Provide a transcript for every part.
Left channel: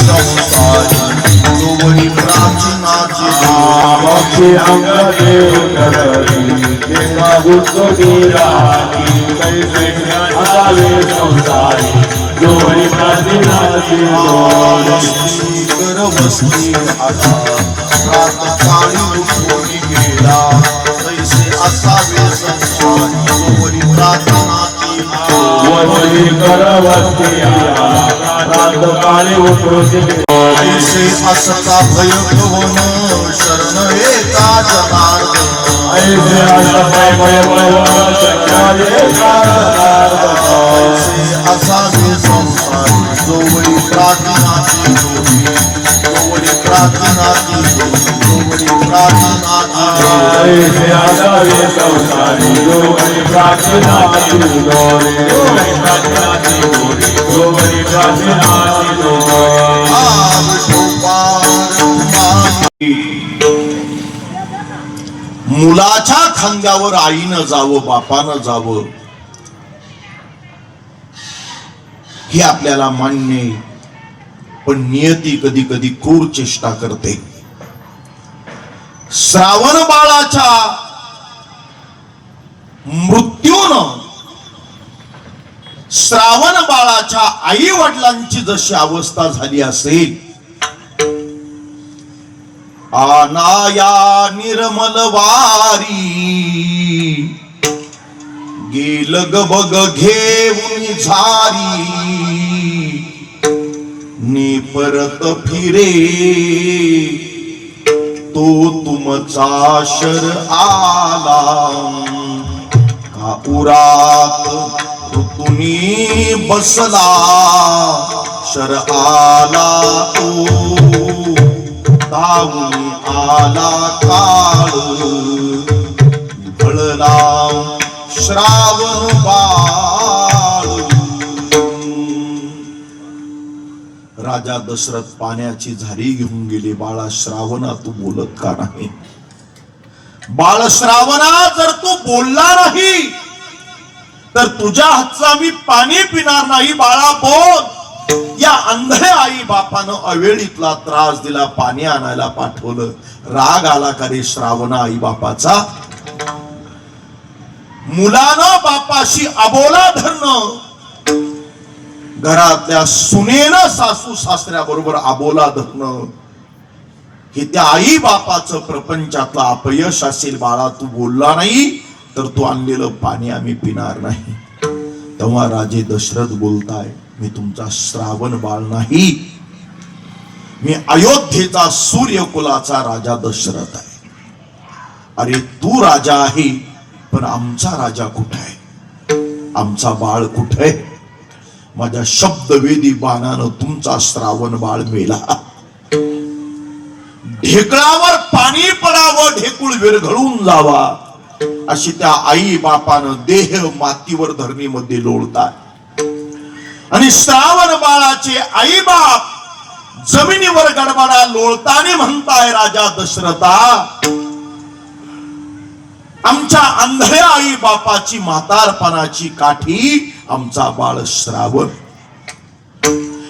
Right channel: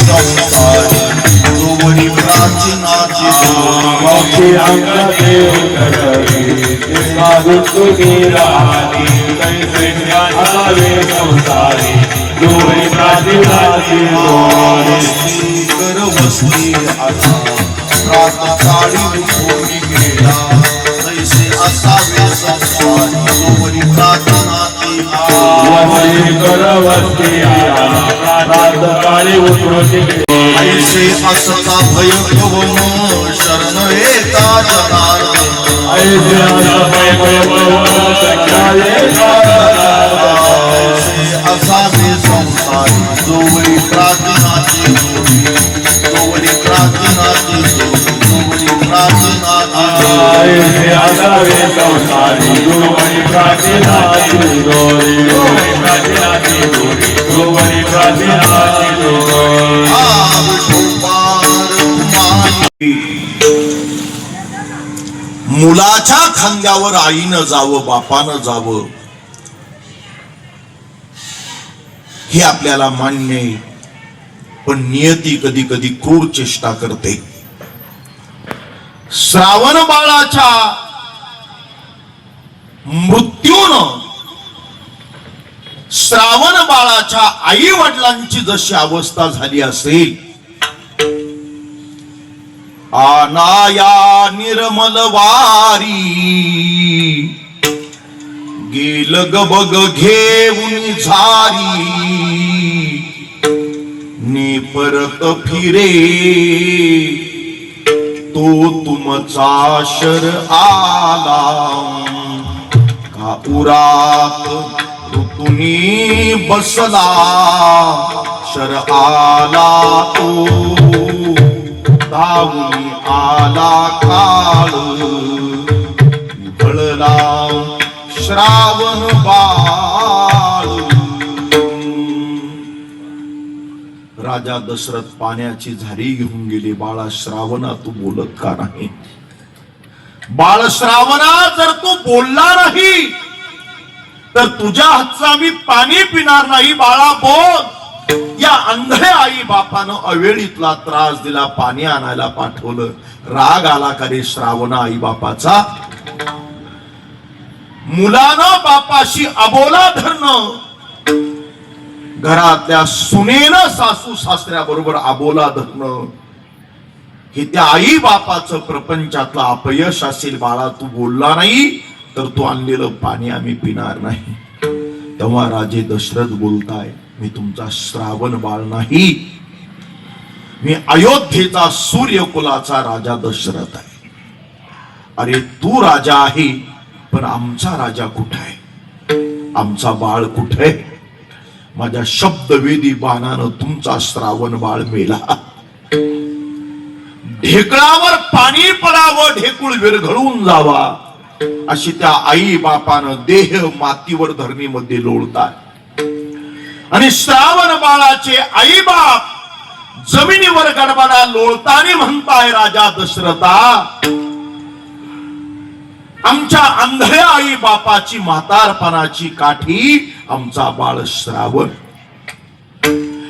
संसारी जोवरी प्राचीनाची भक्ती अंगदेव जगती तेका बुद्धुनी राहती कैसे असावे संसारी जोवरी प्राचीनाची जोडी गर्भस्ती आता प्रातकाळी उठून गेला कैसे असावे संसारी जोवरी प्राचीनाची जोवरी गर्भस्ती आता प्रातकाळी उठून गेला ऐसे असता भय भवन शरण एका जनार्दन ऐसे असता भय भवन शरण एका जनार्दन ऐसे असावे संसारी जोवरी प्राचीनाची जोडी जोवरी प्राचीनाची जोडी जोवरी प्राचीनाची ऐसे असावे संसारी जोवरी प्राचीनाची जोडी जोवरी प्राचीनाची जोडी जोवरी प्राचीनाची जोडी मुलाच्या खांद्यावर आईनं जावं बापानं जावं हे आपल्याला मान्य आहे, पण नियती कधी कधी क्रूर चेष्टा करते. श्रावण बाळाच्या मृत्यूनं श्रावण बाळाच्या आई वडिलांची जशी अवस्था झाली असेल, आनाया निर्मल वारी गेल गबग घेऊन झारी ने परत फिरे तो तुमचा शर आला का उरात ऋतुनी बसला शर आला तो धावून आला काळ भळला श्रावण बाळ. राजा दशरथ पाण्याची झारी घेऊन गेले. बाळा श्रावणा तू बोलत का नाही? बाळ श्रावणा जर तू बोलला नाही तर तुझ्या हातचा मी पाणी पिणार नाही. बाळा बोल. या अंधळ्या आई बापानं अवेळीतला त्रास दिला, पाणी आणायला पाठवलं. राग आला का रे श्रावणा आई बापाचा? मुलानं बापाशी अबोला धरणं, घरातल्या सुनेनं सासू सासऱ्या बरोबर अबोला धरणं, हे त्या आई बापाचं प्रपंचातलं अपयश असेल. बाळा तू बोलला नाही तर तू आणलेलं पाणी आम्ही पिणार नाही. तेव्हा राजे दशरथ बोलताय, मी तुमचा श्रावण बाळ नाही, मी अयोध्येचा सूर्यकुलाचा राजा दशरथ आहे. अरे तू राजा आहे, पण आमचा राजा कुठे आहे? आमचा बाळ कुठे आहे? माझ्या शब्दवेदी बाणानं तुमचा श्रावण बाळ मेला. ढेकळावर पाणी पडावं, ढेकूळ विरघळून जावा, अशी त्या आई बापानं देह मातीवर धरणीमध्ये लोळतात. आणि श्रावण बाळाचे आई बाप जमिनीवर गडबडा लोळताना म्हणताय, राजा दशरथा, आमच्या अंधळ्या आई बापाची म्हातारपणाची काठी आमचा बाळ श्रावण,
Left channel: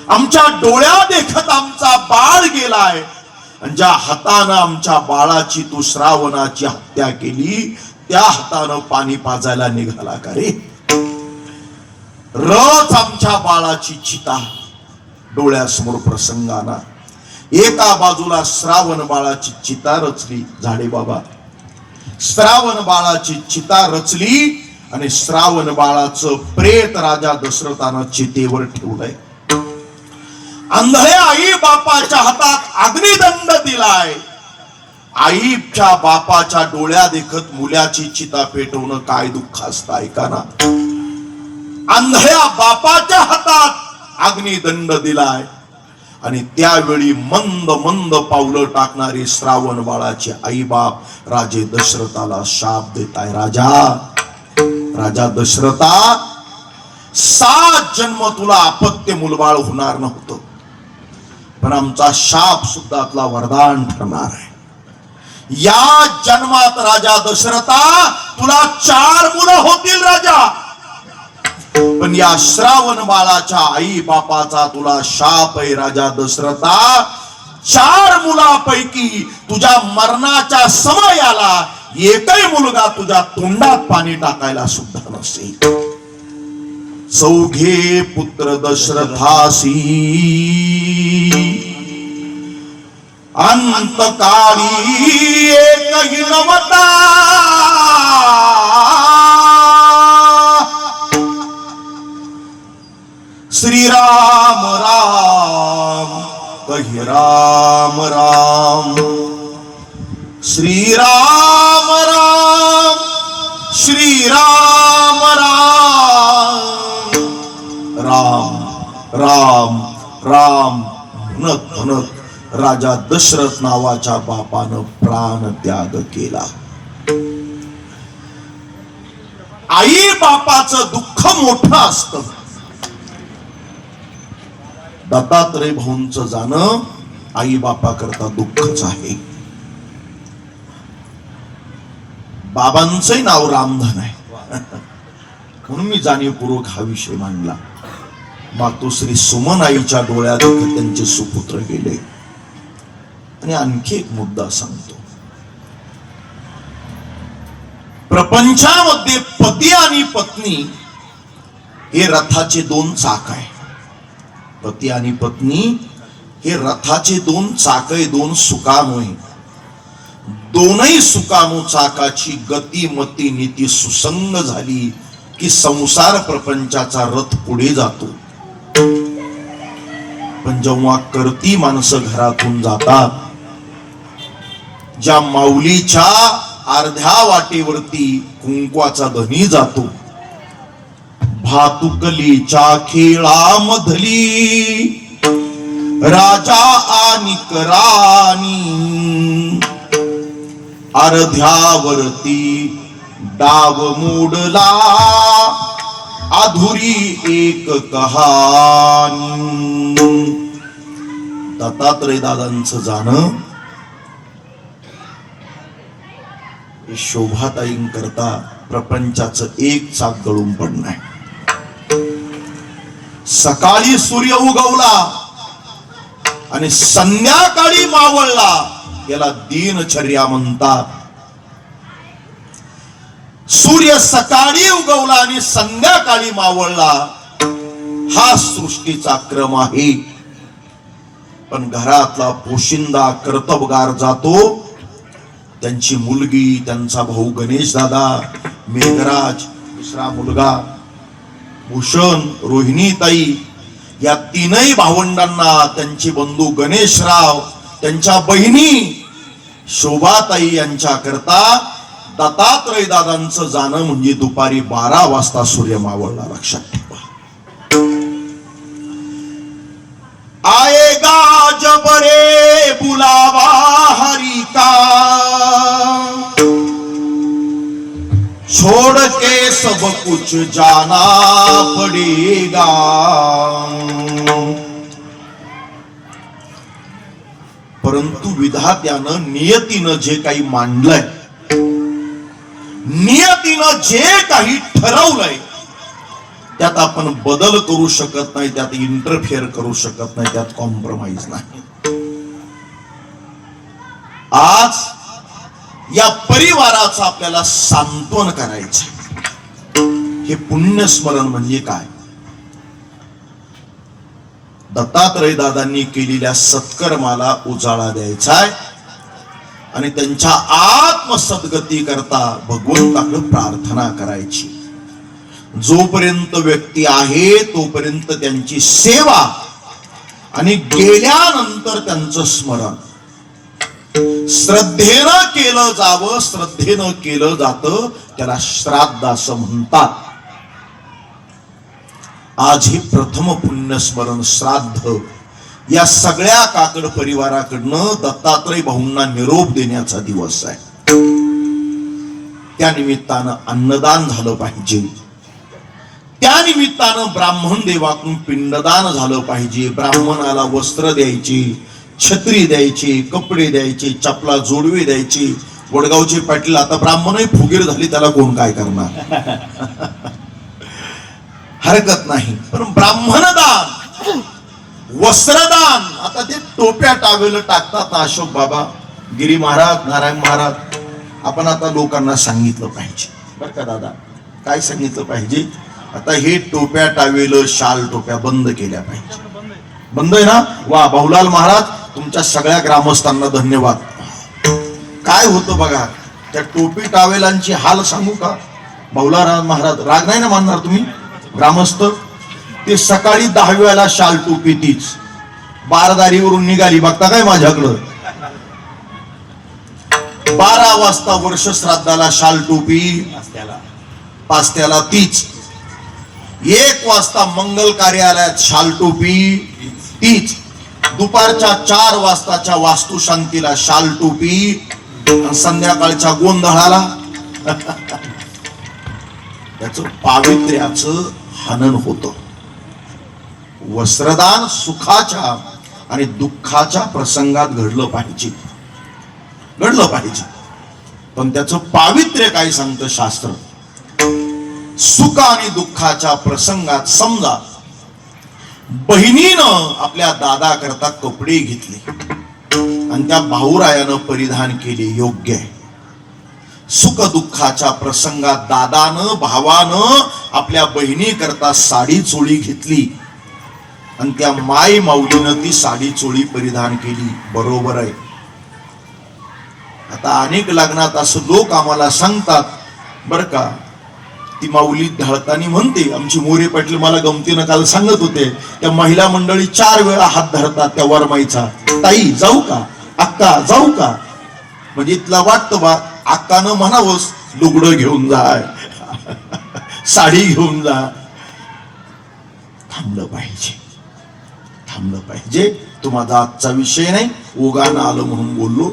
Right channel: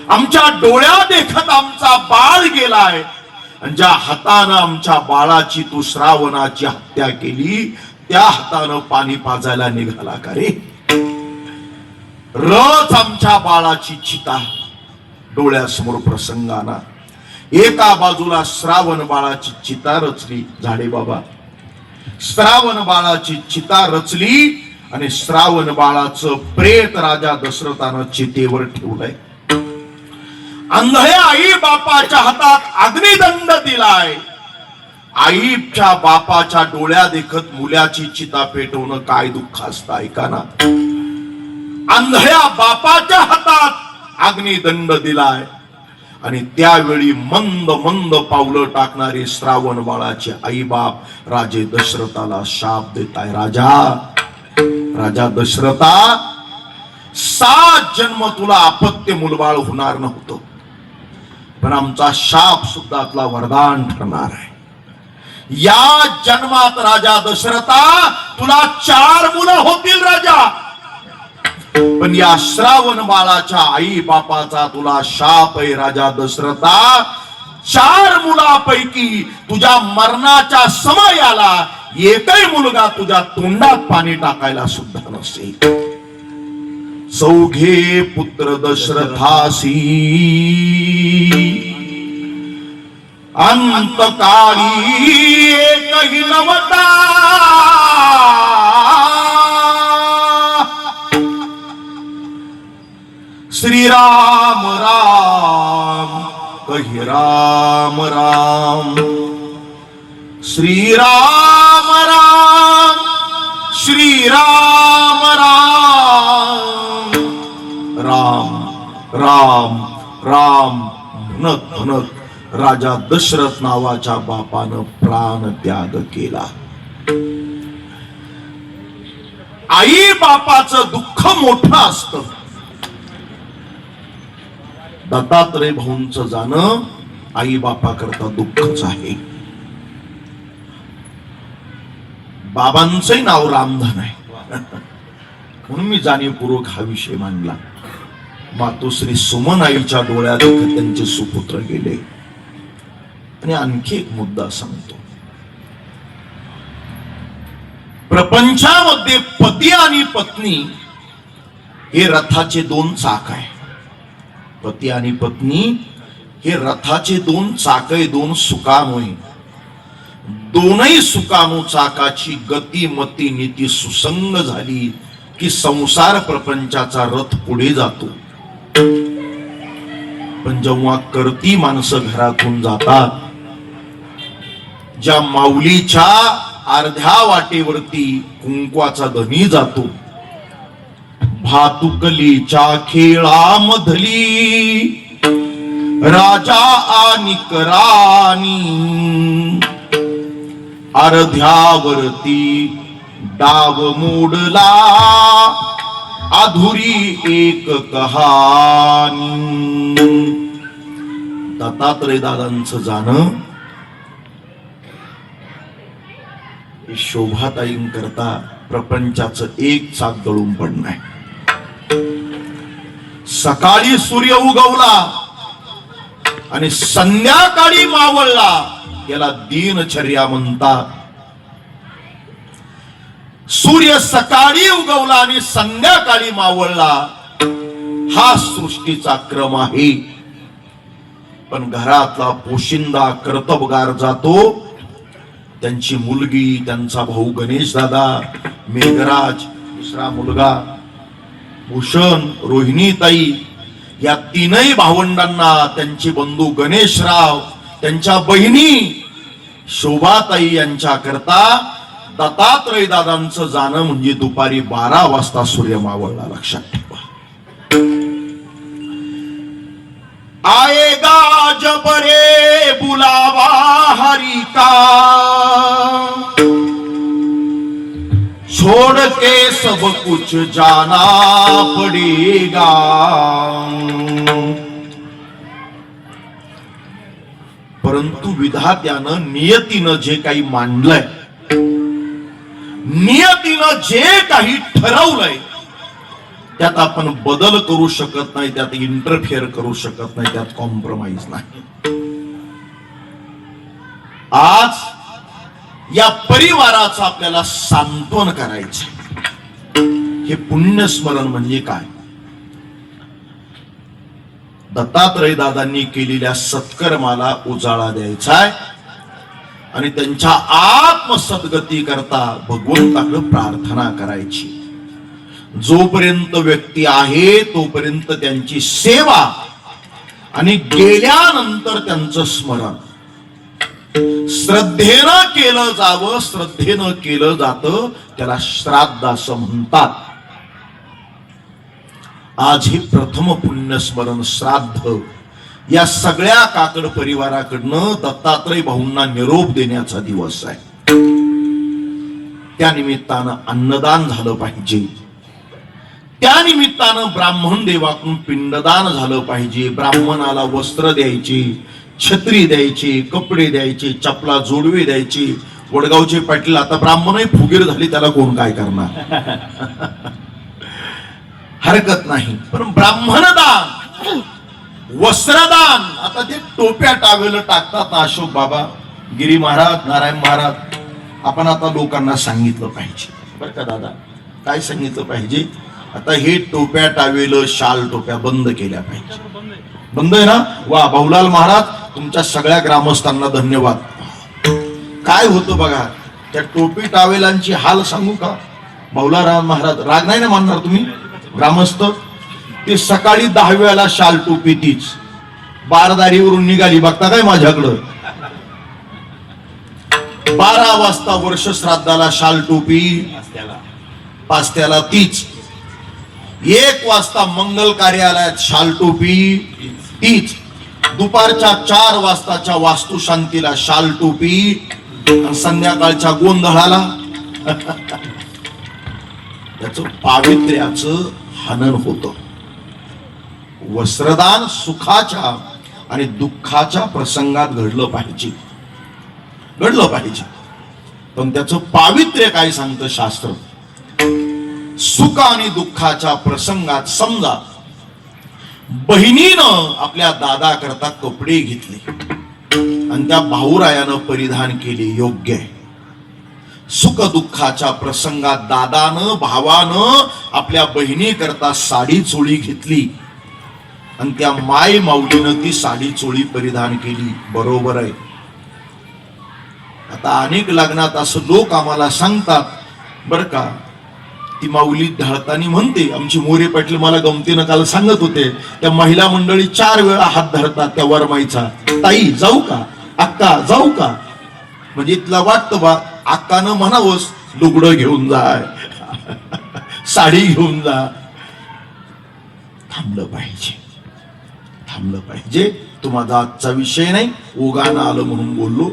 आमच्या डोळ्या देखत आमचा बाळ गेलाय. आणि ज्या हातानं आमच्या बाळाची तू श्रावणाची हत्या केली, त्या हातानं पाणी पाजायला निघाला का रे? रच आमच्या बाळाची चिता डोळ्यासमोर प्रसंगाना. एका बाजूला श्रावण बाळाची चिता रचली, झाडे बाबा, श्रावण बाळाची चिता रचली आणि श्रावण बाळाचं प्रेत राजा दशरथानं चितेवर ठेवलंय. अंधळ्या आई बापाच्या हातात अग्निदंड दिलाय. आईच्या बापाच्या डोळ्या देखत मुलाची चिता पेटवणं काय दुःख असतं, ऐका ना. अंधळ्या बापाच्या हातात अग्निदंड दिलाय आणि त्यावेळी मंद मंद पावलं टाकणारे श्रावण बाळाचे आई बाप राजे दशरथाला शाप देताय. राजा दशरथा, 7 जन्म तुला अपत्य मुलबाळ होणार नव्हतं, पण आमचा शाप सुद्धा तुला वरदान ठरणार आहे. या जन्मात राजा दशरथा तुला 4 मुलं होतील. राजा पण या श्रावण बाळाच्या आई बापाचा तुला शाप आहे राजा दशरथा. 4 मुलापैकी तुझ्या मरणाच्या समयाला एकही मुलगा तुझ्या तोंडात पाणी टाकायला सुद्धा नसेल. चौघे पुत्र दशरथासी अंतकाळी एकही नवता. श्रीराम राम कही राम राम. श्रीराम राम श्रीराम राम. राम राम राम म्हणत म्हणत राजा दशरथ नावाच्या बापानं प्राण त्याग केला. आई बापाचं दुःख मोठं असतं. दत्तात्रय भाऊंचं जाणं आई बापा करता दुःखच आहे. बाबांचंही नाव रामधन आहे म्हणून मी जाणीवपूर्वक हा विषय मांडला. मातोश्री सुमन आईच्या डोळ्यात त्यांचे सुपुत्र गेले. आणि आणखी एक मुद्दा सांगतो. प्रपंचामध्ये पती आणि पत्नी हे रथाचे 2 चाक आहे. पती आणि पत्नी हे रथाचे 2 चाक आहे, 2 सुकाणू आहे. दोनही सुकाणू चाकाची गती मती नीती सुसंग झाली की संसार प्रपंचाचा रथ पुढे जातो. पण जेव्हा करती माणसं घरातून जातात, ज्या माऊलीच्या अर्ध्या वाटेवरती कुंकवाचा धनी जातो, भातुकलीच्या खेळामधली राजा आणि राणी अर्ध्यावरती डाव मोडला अधुरी एक कहाणी. दत्तात्रय दादांचं जाणं शोभाताईंकरता प्रपंचाचं एक चाक गळून पडणं आहे. सकाळी सूर्य उगवला आणि संध्याकाळी मावळला याला दिनचर्या म्हणतात. सूर्य सकाळी उगवला आणि संध्याकाळी मावळला हा सृष्टीचा क्रम आहे. पण घरातला पोशिंदा कर्तबगार जातो. त्यांची मुलगी, त्यांचा भाऊ गणेश दादा, मेघराज, दुसरा मुलगा भूषण, रोहिणीताई, या 3ही भावंडांना त्यांचे बंधू गणेशराव, त्यांच्या बहिणी शोभाताई यांच्या करता दत्तात्रय दादांचं जाणं म्हणजे दुपारी 12 वाजता सूर्य मावळला. लक्षात ठेवा. आएगा जब रे बुलावा हरि का, छोड़ के सब कुछ जाना पड़ेगा. परंतु विधात्यानं नियतीनं जे काही मांडलंय, नियतीनं जे काही ठरवलंय त्यात आपण बदल करू शकत नाही, त्यात इंटरफेअर करू शकत नाही, त्यात कॉम्प्रोमाइज नाही. आज या परिवाराचं आपल्याला सांत्वन करायचं. हे पुण्यस्मरण म्हणजे काय? दत्तात्रय दादांनी केलेल्या सत्कर्माला उजाळा द्यायचा आहे आणि त्यांच्या आत्मसद्गती करता भगवंताकडे प्रार्थना करायची. जोपर्यंत व्यक्ती आहे तोपर्यंत त्यांची सेवा आणि गेल्यानंतर त्यांचं स्मरण श्रद्धेनं केलं जावं. श्रद्धेनं केलं जातं त्याला श्राद्ध असं म्हणतात. आज हे प्रथम पुण्यस्मरण श्राद्ध या सगळ्या काकड परिवाराकडनं दत्तात्रय भाऊंना निरोप देण्याचा दिवस आहे. त्या निमित्तानं अन्नदान झालं पाहिजे. त्या निमित्तानं ब्राह्मण देवाकडून पिंडदान झालं पाहिजे. ब्राह्मणाला वस्त्र द्यायची, छत्री द्यायची, कपडे द्यायचे, चपला जोडवे द्यायची. वडगावचे पाटील आता ब्राह्मणही फुगीर झाली, त्याला कोण काय करणार. हरकत नाही. पण ब्राह्मणदान, वस्त्रदान, आता ते टोप्या टावेल टाकतात अशोक बाबा, गिरी महाराज, नारायण महाराज. आपण आता लोकांना सांगितलं पाहिजे बरं का दादा, काय सांगितलं पाहिजे, आता हे टोप्या टावेल शाल टोप्या बंद केल्या पाहिजे. बंद आहे ना? वा, भाऊलाल महाराज, तुमच्या सगळ्या ग्रामस्थांना धन्यवाद. काय होतं बघा, त्या टोपी टावेलांची हाल सांगू का? भाऊलाल महाराज, राग नाही ना मानणार तुम्ही ग्रामस्थ? ते सकाळी 10 वेळेला शाल टोपी तीच बारदारीवरून निघाली, बघता काय माझ्याकडं, 12 वाजता वर्ष श्राद्धाला शाल टोपी, पास्त्याला तीच, 1 वाजता मंगल कार्यालयात शाल टोपी तीच, दुपारच्या 4 वाजताच्या वास्तुशांतीला शाल टोपी, संध्याकाळच्या गोंधळाला त्याच पावित्र्याचं हनन होतं. वस्त्रदान सुखाच्या आणि दुःखाच्या प्रसंगात घडलं पाहिजे, घडलं पाहिजे. पण त्याचं पावित्र्य काय सांगतं शास्त्र? सुख आणि दुःखाच्या प्रसंगात समजा बहिणीनं आपल्या दादा करता कपडे घेतले आणि त्या भाऊरायानं परिधान केले, योग्य आहे. सुख दुःखाच्या प्रसंगात दादानं, भावानं आपल्या बहिणी करता साडी चोळी घेतली आणि त्या माय माऊलीनं ती साडी चोळी परिधान केली, बरोबर आहे. आता अनेक लग्नात असं लोक आम्हाला सांगतात बरं का, ती माऊली ढळताना म्हणते, आमची मोरे पाटील मला गमतीनं काल सांगत होते, त्या महिला मंडळी 4 वेळा हात धरतात त्या वरमाईचा, ताई जाऊ का, अक्का जाऊ का, म्हणजे तिला वाटतं बा अक्कानं म्हणावंच लुगडं घेऊन जाय, साडी घेऊन जा. थांबलं पाहिजे, थांबलं पाहिजे. तो माझा आजचा विषय नाही, ओघानं आलं म्हणून बोललो.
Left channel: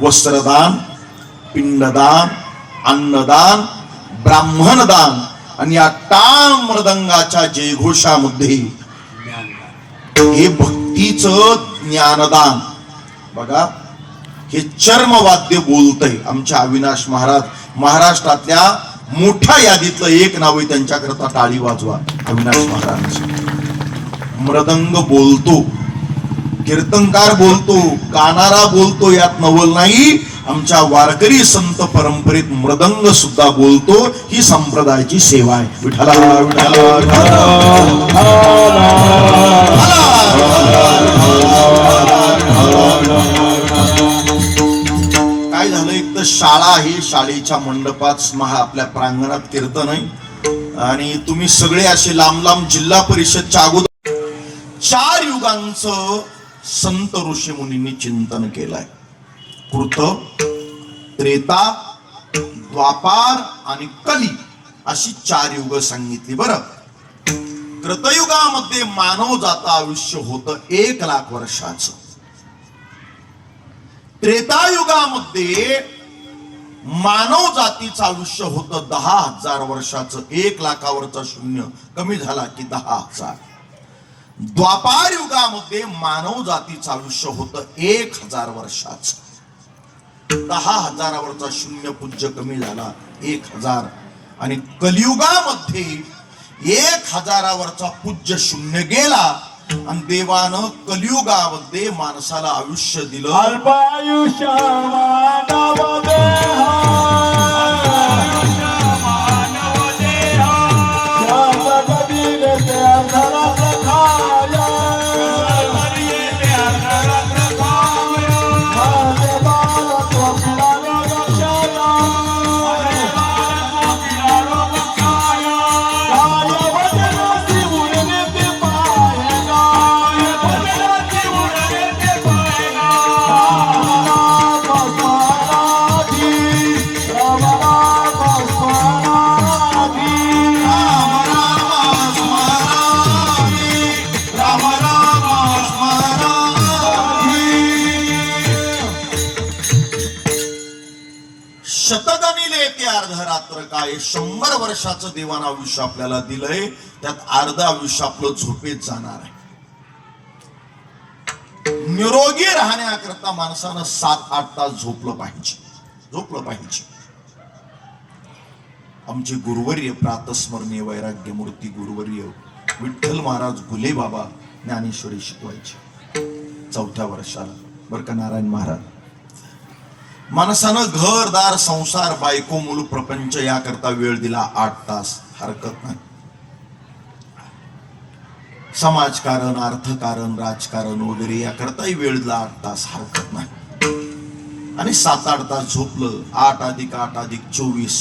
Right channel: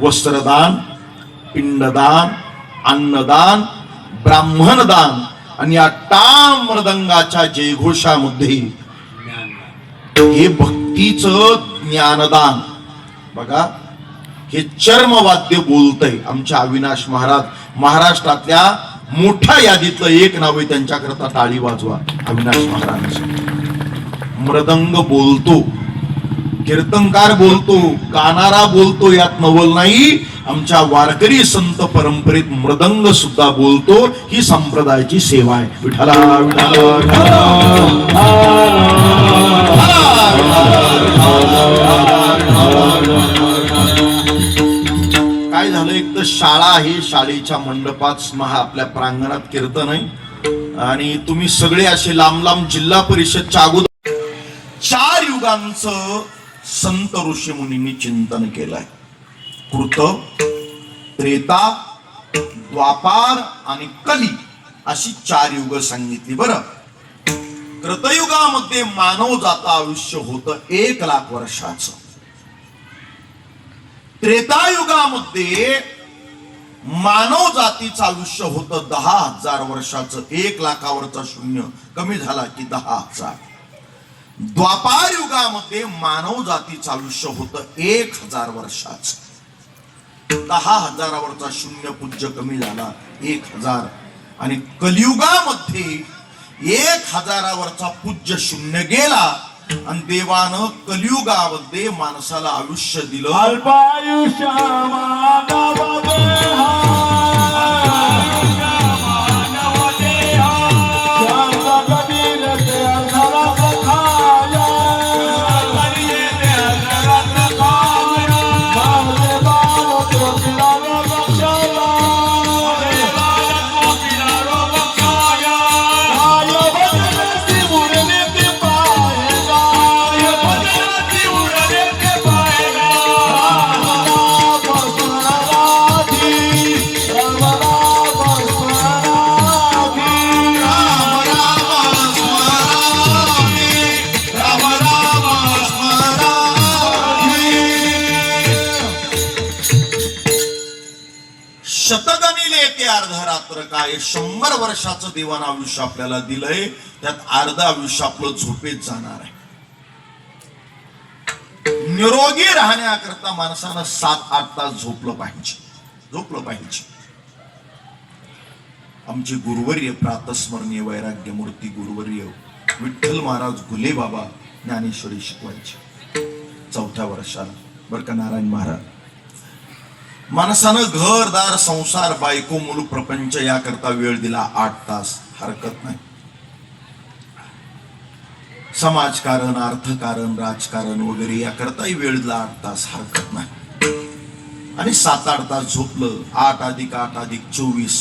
वस्त्रदान, पिंडदान, अन्नदान, ब्राह्मणदान आणि या टाळ मृदंगाच्या जयघोषामध्ये हे भक्तीचं ज्ञानदान. बघा, हे चर्मवाद्य बोलतय. आमच्या अविनाश महाराज महाराष्ट्रातल्या मोठ्या यादीतलं एक नाव आहे, त्यांच्याकरता टाळी वाजवा. अविनाश महाराज मृदंग बोलतो, कीर्तनकार बोलतो, गाणारा बोलतो, यात नवल नाही. आमच्या वारकरी संत परंपरेत मृदंग सुद्धा बोलतो. ही संप्रदायाची सेवा आहे. विठ्ठला काय झालं, एक तर शाळा आहे, शाळेच्या मंडपात आपल्या प्रांगणात कीर्तन आहे आणि तुम्ही सगळे असे लांब लांब जिल्हा परिषदच्या अगोदर 4 युगांचं संत ऋषी मुनींनी चिंतन केलंय. कृत, त्रेता, द्वापार आणि कली अशी 4 युग सांगितली. बरं, कृतयुगामध्ये मानव जात आयुष्य होतं 1,00,000 वर्षाचं. त्रेतायुगामध्ये मानव जातीचं आयुष्य होतं 10,000 वर्षाचं. 1,00,000वरचा शून्य कमी झाला की 10,000. द्वापार युगामध्ये मानव जातीचं आयुष्य होतं 1,000 वर्षाचं. 10,000वरचा शून्य पूज्य कमी झाला 1,000. आणि कलियुगामध्ये 1,000वरचा पूज्य शून्य गेला आणि देवानं कलियुगामध्ये माणसाला आयुष्य दिलं. अल्पायुष्य मानव देहा, शांत कबीर त्या घरात खाया, माझे बाळ कोकिला रोगशाया, काय वचनाची उरली ती पायगा, वचनाची उरली ती पायगा, शतगणिले ते अर्धरात्र काय, 100 वर्षाचं देवानं आयुष्य आपल्याला दिलंय. त्यात अर्ध आयुष्य आपलं झोपेत जाणार आहे. निरोगी राहण्याकरता माणसानं 7-8 तास झोपलं पाहिजे, झोपलं पाहिजे. आमचे गुरुवर्य प्रातस्मरणीय वैराग्यमूर्ती गुरुवर्य विठ्ठल महाराज गुले बाबा ज्ञानेश्वरी शिकवायचे 4थ्या वर्षाला. बरं का नारायण महाराज, माणसानं घरदार संसार बायको मूल प्रपंच याकरता वेळ दिला 8 तास, हरकत नाही. समाजकारण, अर्थकारण, राजकारण वगैरे याकरताही वेळ दिला 8 तास, हरकत नाही. आणि 7-8 तास झोपलं, 8 + 8 = 24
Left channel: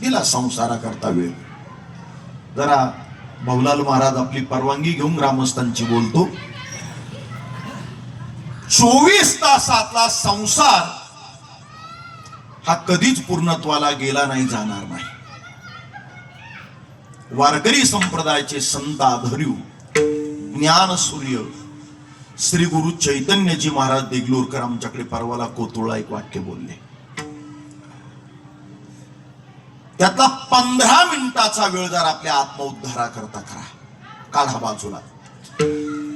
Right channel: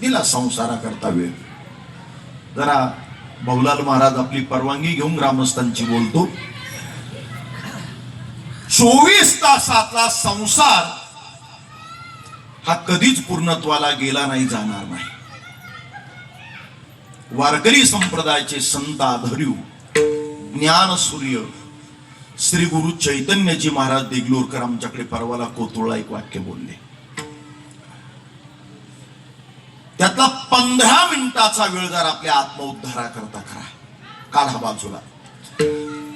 दिला संसाराकरता वेळ. जरा भवलाल महाराज आपली परवानगी घेऊन ग्रामस्थांची बोलतो. 24 तासातला संसार हा कधीच पूर्णत्वाला गेला नाही, जाणार नाही. वारकरी संप्रदायाचे संत आधर्यू ज्ञान सूर्य श्री गुरु चैतन्यजी महाराज देगलूरकर आमच्याकडे परवाला कोतुळला एक वाक्य बोलले. त्यातला 15 मिनिटाचा वेळ जर आपल्या आत्मउद्धाराकरता करा, काढा बाजूला.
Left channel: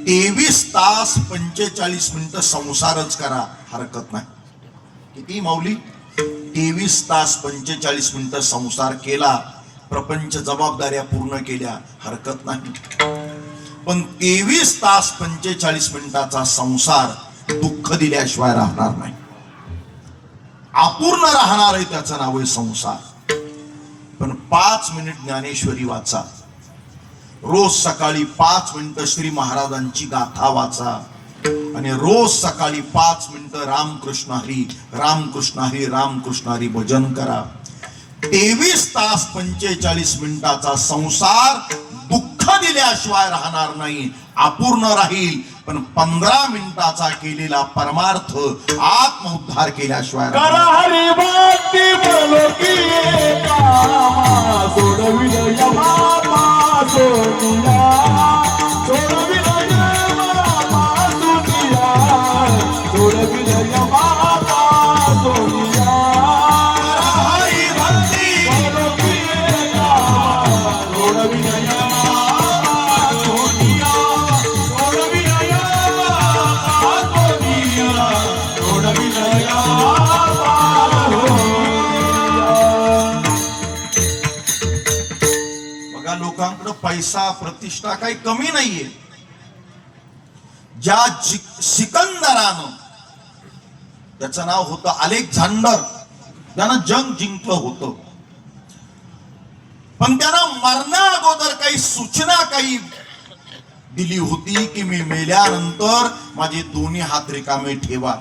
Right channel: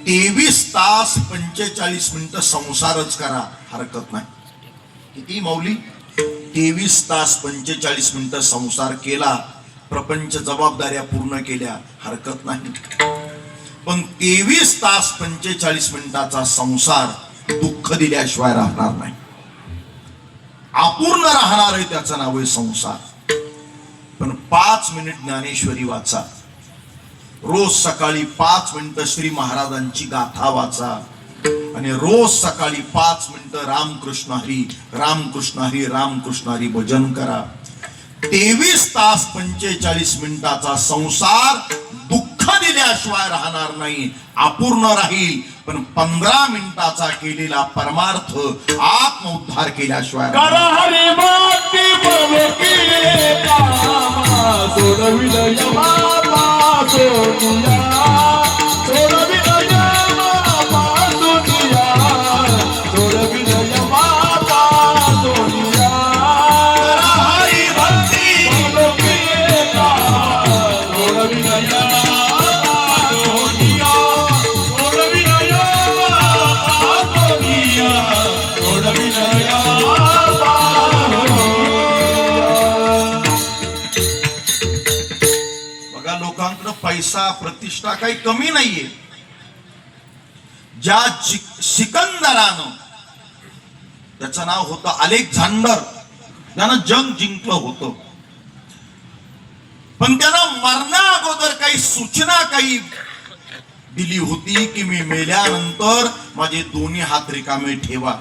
23 तास 45 मिनिटं संसारच करा, हरकत नाही. किती माऊली? 23 तास 45 मिनिटं संसार केला, प्रपंच जबाबदाऱ्या पूर्ण केल्या, हरकत नाही. पण 23 तास 45 मिनिटाचा संसार दुःख दिल्याशिवाय राहणार नाही, अपूर्ण राहणार आहे. त्याचं नाव आहे संसार. पण 5 मिनिट ज्ञानेश्वरी वाचा, रोज सकाळी 5 मिनिटं श्री महाराजांची गाथा वाचा, आणि रोज सकाळी 5 मिनिटं रामकृष्ण हरी रामकृष्ण हरी रामकृष्ण हरी भजन करा. 23 तास 45 मिनिटाचा संसार दुःख दिल्याशिवाय राहणार नाही, अपूर्ण राहील. पण 15 मिनिटाचा केलेला परमार्थ आत्मउद्धार केल्याशिवाय करा हरी भक्ती बोलो की कामा सोडविलं यमा सोडूया, सोडविलं यमा सोडूया, सोडविलं यमा सोडूया. हरी भक्ती बोलो की कामा सोडविलं यमा सोडूया, सोडविलं यमा सोडूया, सोडविलं यमा. बघा, लोकांकडे पैसा प्रतिष्ठा काही कमी नाहीये. ज्या सिकंदरानं, त्याचं नाव होतं अलेक्झांडर, त्यानं जग जिंकलं होतं. पण त्यानं मरण्या अगोदर काही सूचना काही दिली होती की मी मेल्यानंतर माझे दोन्ही हात रिकामे ठेवा.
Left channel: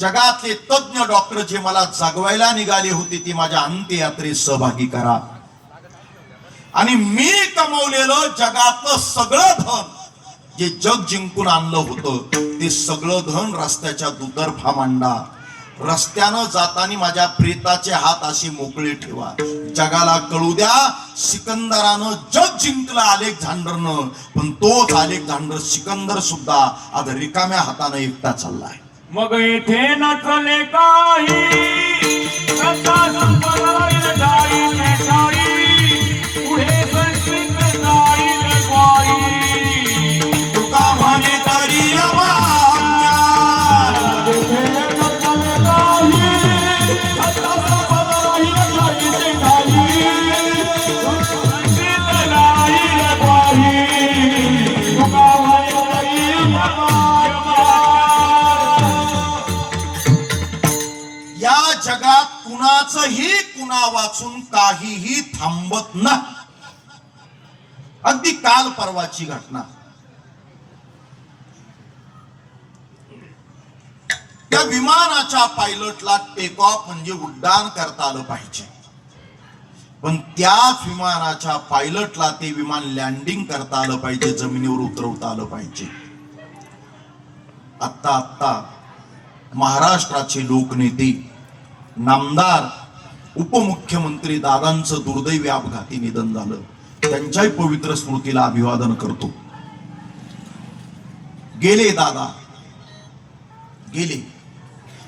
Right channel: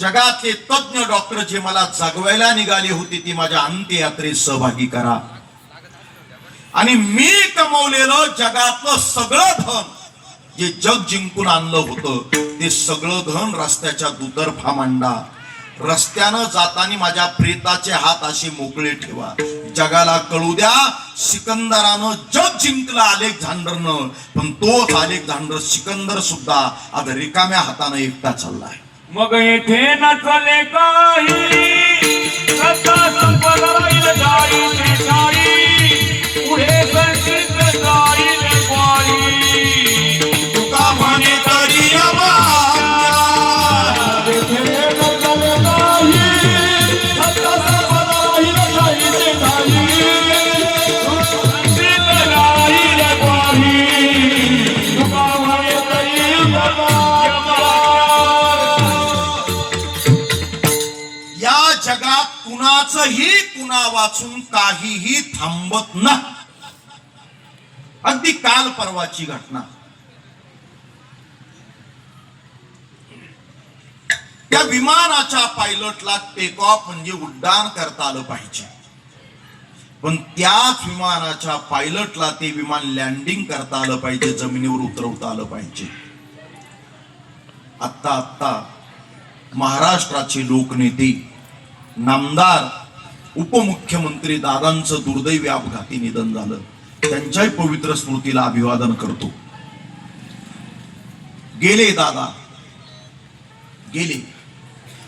जगातले तज्ञ डॉक्टर जे मला जगवायला निघाले होते ती माझ्या अंत्ययात्रेत सहभागी करा. आणि मी कमवलेलं जगातलं सगळं धन, जे जग जिंकून आणलं होतं, ते सगळं धन रस्त्याच्या दुतर्फा मांडा. रस्त्यानं जाताना माझ्या प्रेताचे हात असे मोकळे ठेवा. जगाला कळू द्या, सिकंदरानं जग जिंकलं अलेक्झांडरनं, पण तोच अलेक्झांडर सिकंदर सुद्धा आज रिकाम्या हाताने एकटा चाललाय. मग इथे नचले काही सत्ता संपदा राहील जाई ते जाई, पुढे संस्कृत जाईल वाई. तुका म्हणे तरी इथे नचले काही सत्ता संपदा राहील जाई ते जाई, संस्कृत जाईल वाई. तुका म्हणे तरी या जगात कुणाचंही कुणा वाचून काहीही थांबत नाही. अगदी काल परवाची घटना, त्या विमानाच्या पायलटला टेक ऑफ म्हणजे उड्डाण करता आलं पाहिजे, पण त्याच विमानाच्या पायलटला ते विमान लँडिंग करता आलं पाहिजे, जमिनीवर उतरवता आलं पाहिजे. आत्ता महाराष्ट्राचे लोकनेते, नामदार, उपमुख्यमंत्री दादांचं दुर्दैवी अपघाती निधन झालं. त्यांच्याही पवित्र स्मृतीला अभिवादन करतो. गेले दादा, गेले,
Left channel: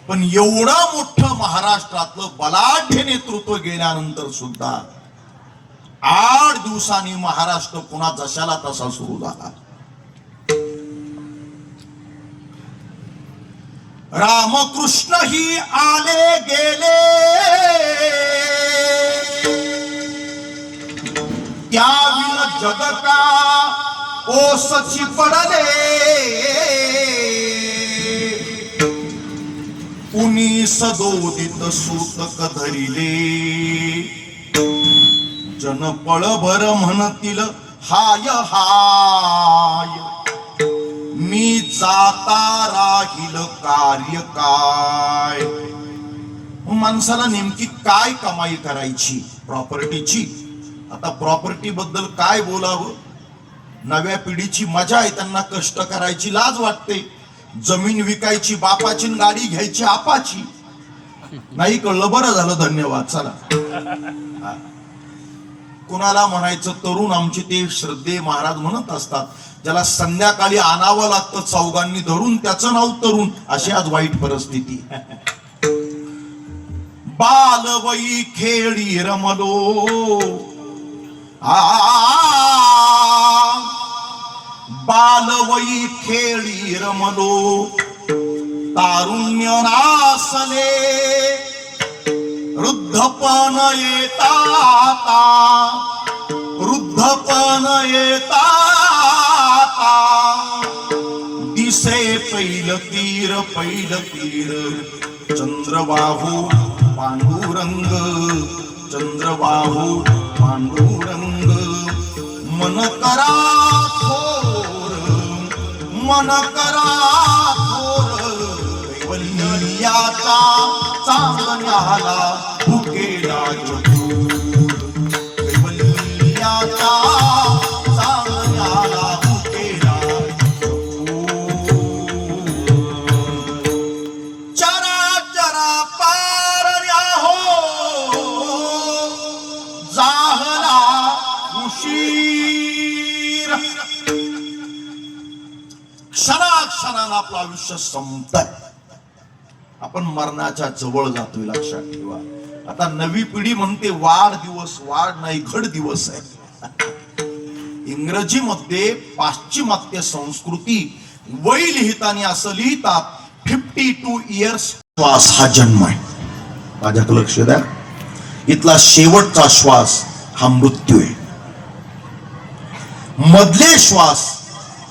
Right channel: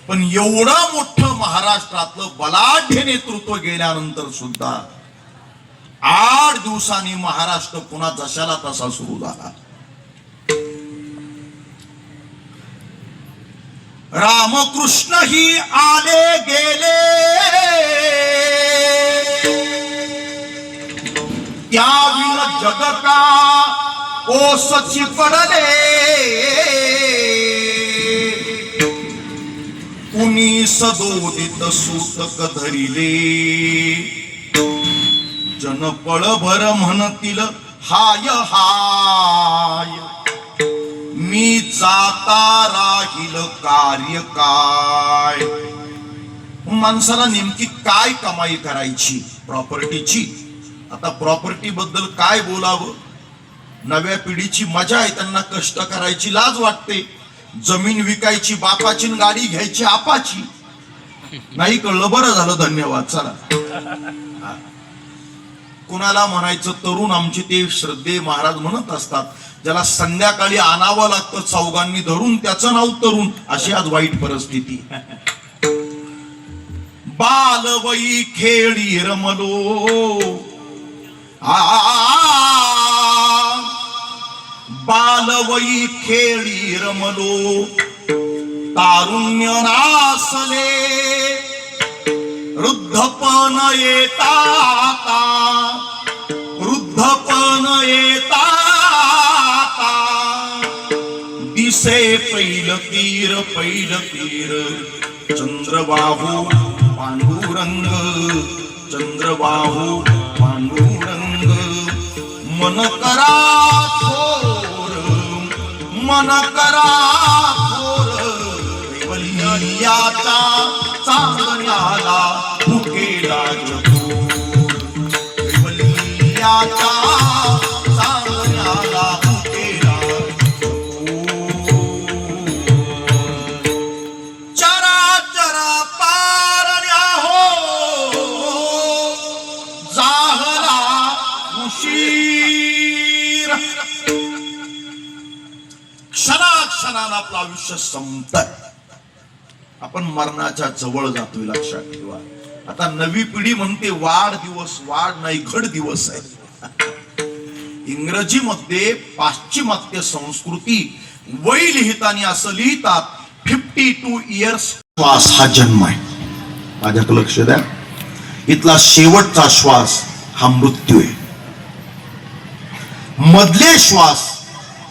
पण एवढं मोठं महाराष्ट्रातलं बलाढ्य नेतृत्व गेल्यानंतर सुद्धा 8 दिवसांनी महाराष्ट्र पुन्हा जशाला तसा सुरू झाला. रामकृष्ण ही आले गेले, जग का ओसची पडले कुणी सदोदित सूतक धरिले जन पळभर म्हणतील हाय हाय मी जाता राहील कार्य काय. माणसाला नेमकी काय कमाई करायची प्रॉपर्टीची. आता प्रॉपर्टी बद्दल काय बोलावं. नव्या पिढीची मजा आहे, त्यांना कष्ट करायची लाज वाटते. जमीन विकायची बापाची, गाडी घ्यायची आपाची. नाही कळलं, बरं झालं, धन्यवाद. चला, कुणाला म्हणायचं तरुण आमचे ते श्रद्धे महाराज म्हणत असतात, ज्याला संध्याकाळी आणावं लागतं चौघांनी धरून, त्याचं नाव तरुण. अशी आज वाईट परिस्थिती. बालवई खेळी रमलो बालवई खेळी रमलो तारुण्य नासले वृद्धपण येता वृद्धपण येता दिसे पैल तीर चंद्रबाहू पांडुरंग चंद्रबाहू पांडुरंग मन करा थोर मन करा थोर कैवल्याचा चांदण्याला भुकेला कैवल्याचा चांदण्याला भुकेला चराचर पारण्या हो जाहला उशीर. क्षणाक्षणाला आपलं आयुष्य संपत. आपण मरणाच्या जवळ जातोय, लक्षात ठेवा. आता नवी पिढी म्हणते वाढदिवस, वाढ नाही घड दिवस आहे. इंग्रजीमध्ये पाश्चिमात्य संस्कृती वय लिहिताना असं लिहितात 52 इयर्स. श्वास हा जन्म आहे. माझ्याकडे लक्ष द्या. इथला शेवटचा श्वास हा मृत्यू आहे. मधले श्वास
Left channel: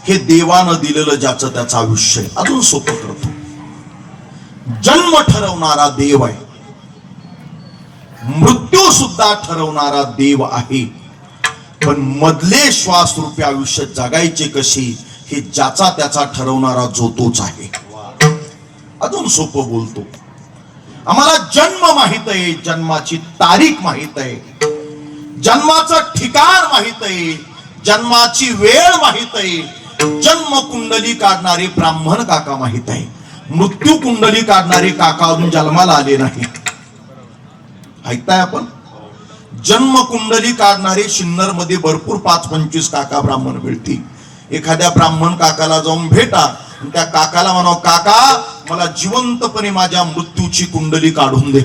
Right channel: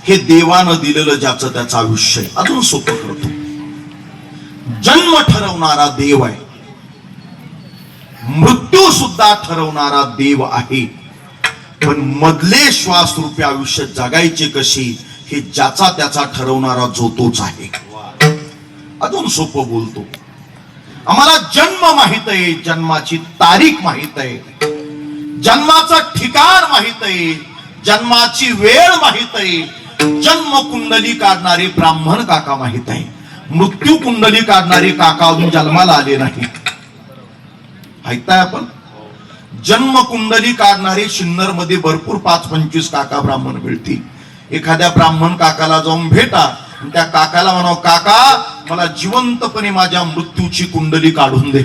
हे देवानं दिलेलं ज्याचं त्याचं आयुष्य आहे. अजून सोपं करतो. जन्म ठरवणारा देव आहे, मृत्यू सुद्धा ठरवणारा देव आहे. पण मधले श्वास रूपी आयुष्य जगायचे कशी हे ज्याचा त्याचा ठरवणारा जो तोच आहे. अजून सोपं बोलतो. आम्हाला जन्म माहित आहे, जन्माची तारीख माहित आहे, जन्माचं ठिकाण माहित आहे, जन्माची वेळ माहित आहे. जन्म कुंडली काढणारे ब्राह्मण काका माहित आहे. मृत्यू कुंडली काढणारे काका अजून जन्माला आले नाही. ऐकताय आपण. जन्म कुंडली काढणारे सिन्नर मध्ये भरपूर 5-25 काका ब्राह्मण मिळतील. एखाद्या ब्राह्मण काकाला जाऊन भेटा, त्या काकाला म्हणाव, काका मला जिवंतपणे माझ्या मृत्यूची कुंडली काढून दे.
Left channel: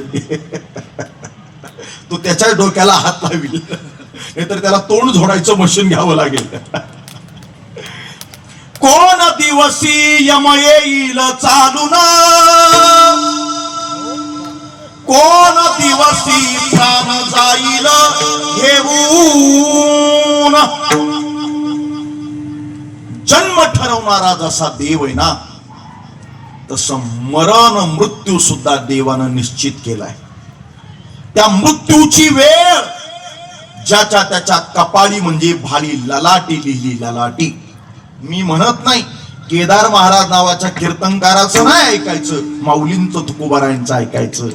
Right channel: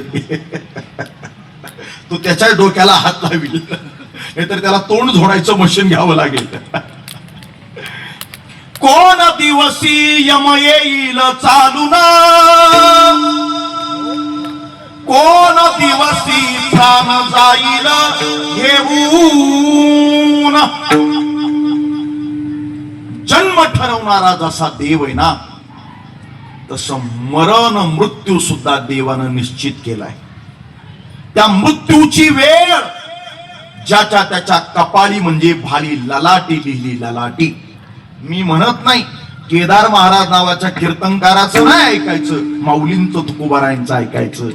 तो त्याच्या डोक्याला हात लावेल, नाहीतर त्याला तोंड झोडायचं मशीन घ्यावं लागेल. कोण दिवसी यम येईल चालून, कोण दिवसी प्राण जाईल घेऊन. जन्म ठरवणारा जसा देव आहे ना, तसं मरण मृत्यू सुद्धा देवानं निश्चित केलाय. त्या मृत्यूची वेळ ज्याच्या त्याच्या कपाळी म्हणजे भाली ललाटी लिहिली. ललाटी मी म्हणत नाही, केदार महाराज नावाच्या कीर्तनकाराचं नाही ऐकायचं, माऊलींचं तुकोबारायांचं ऐकायचं.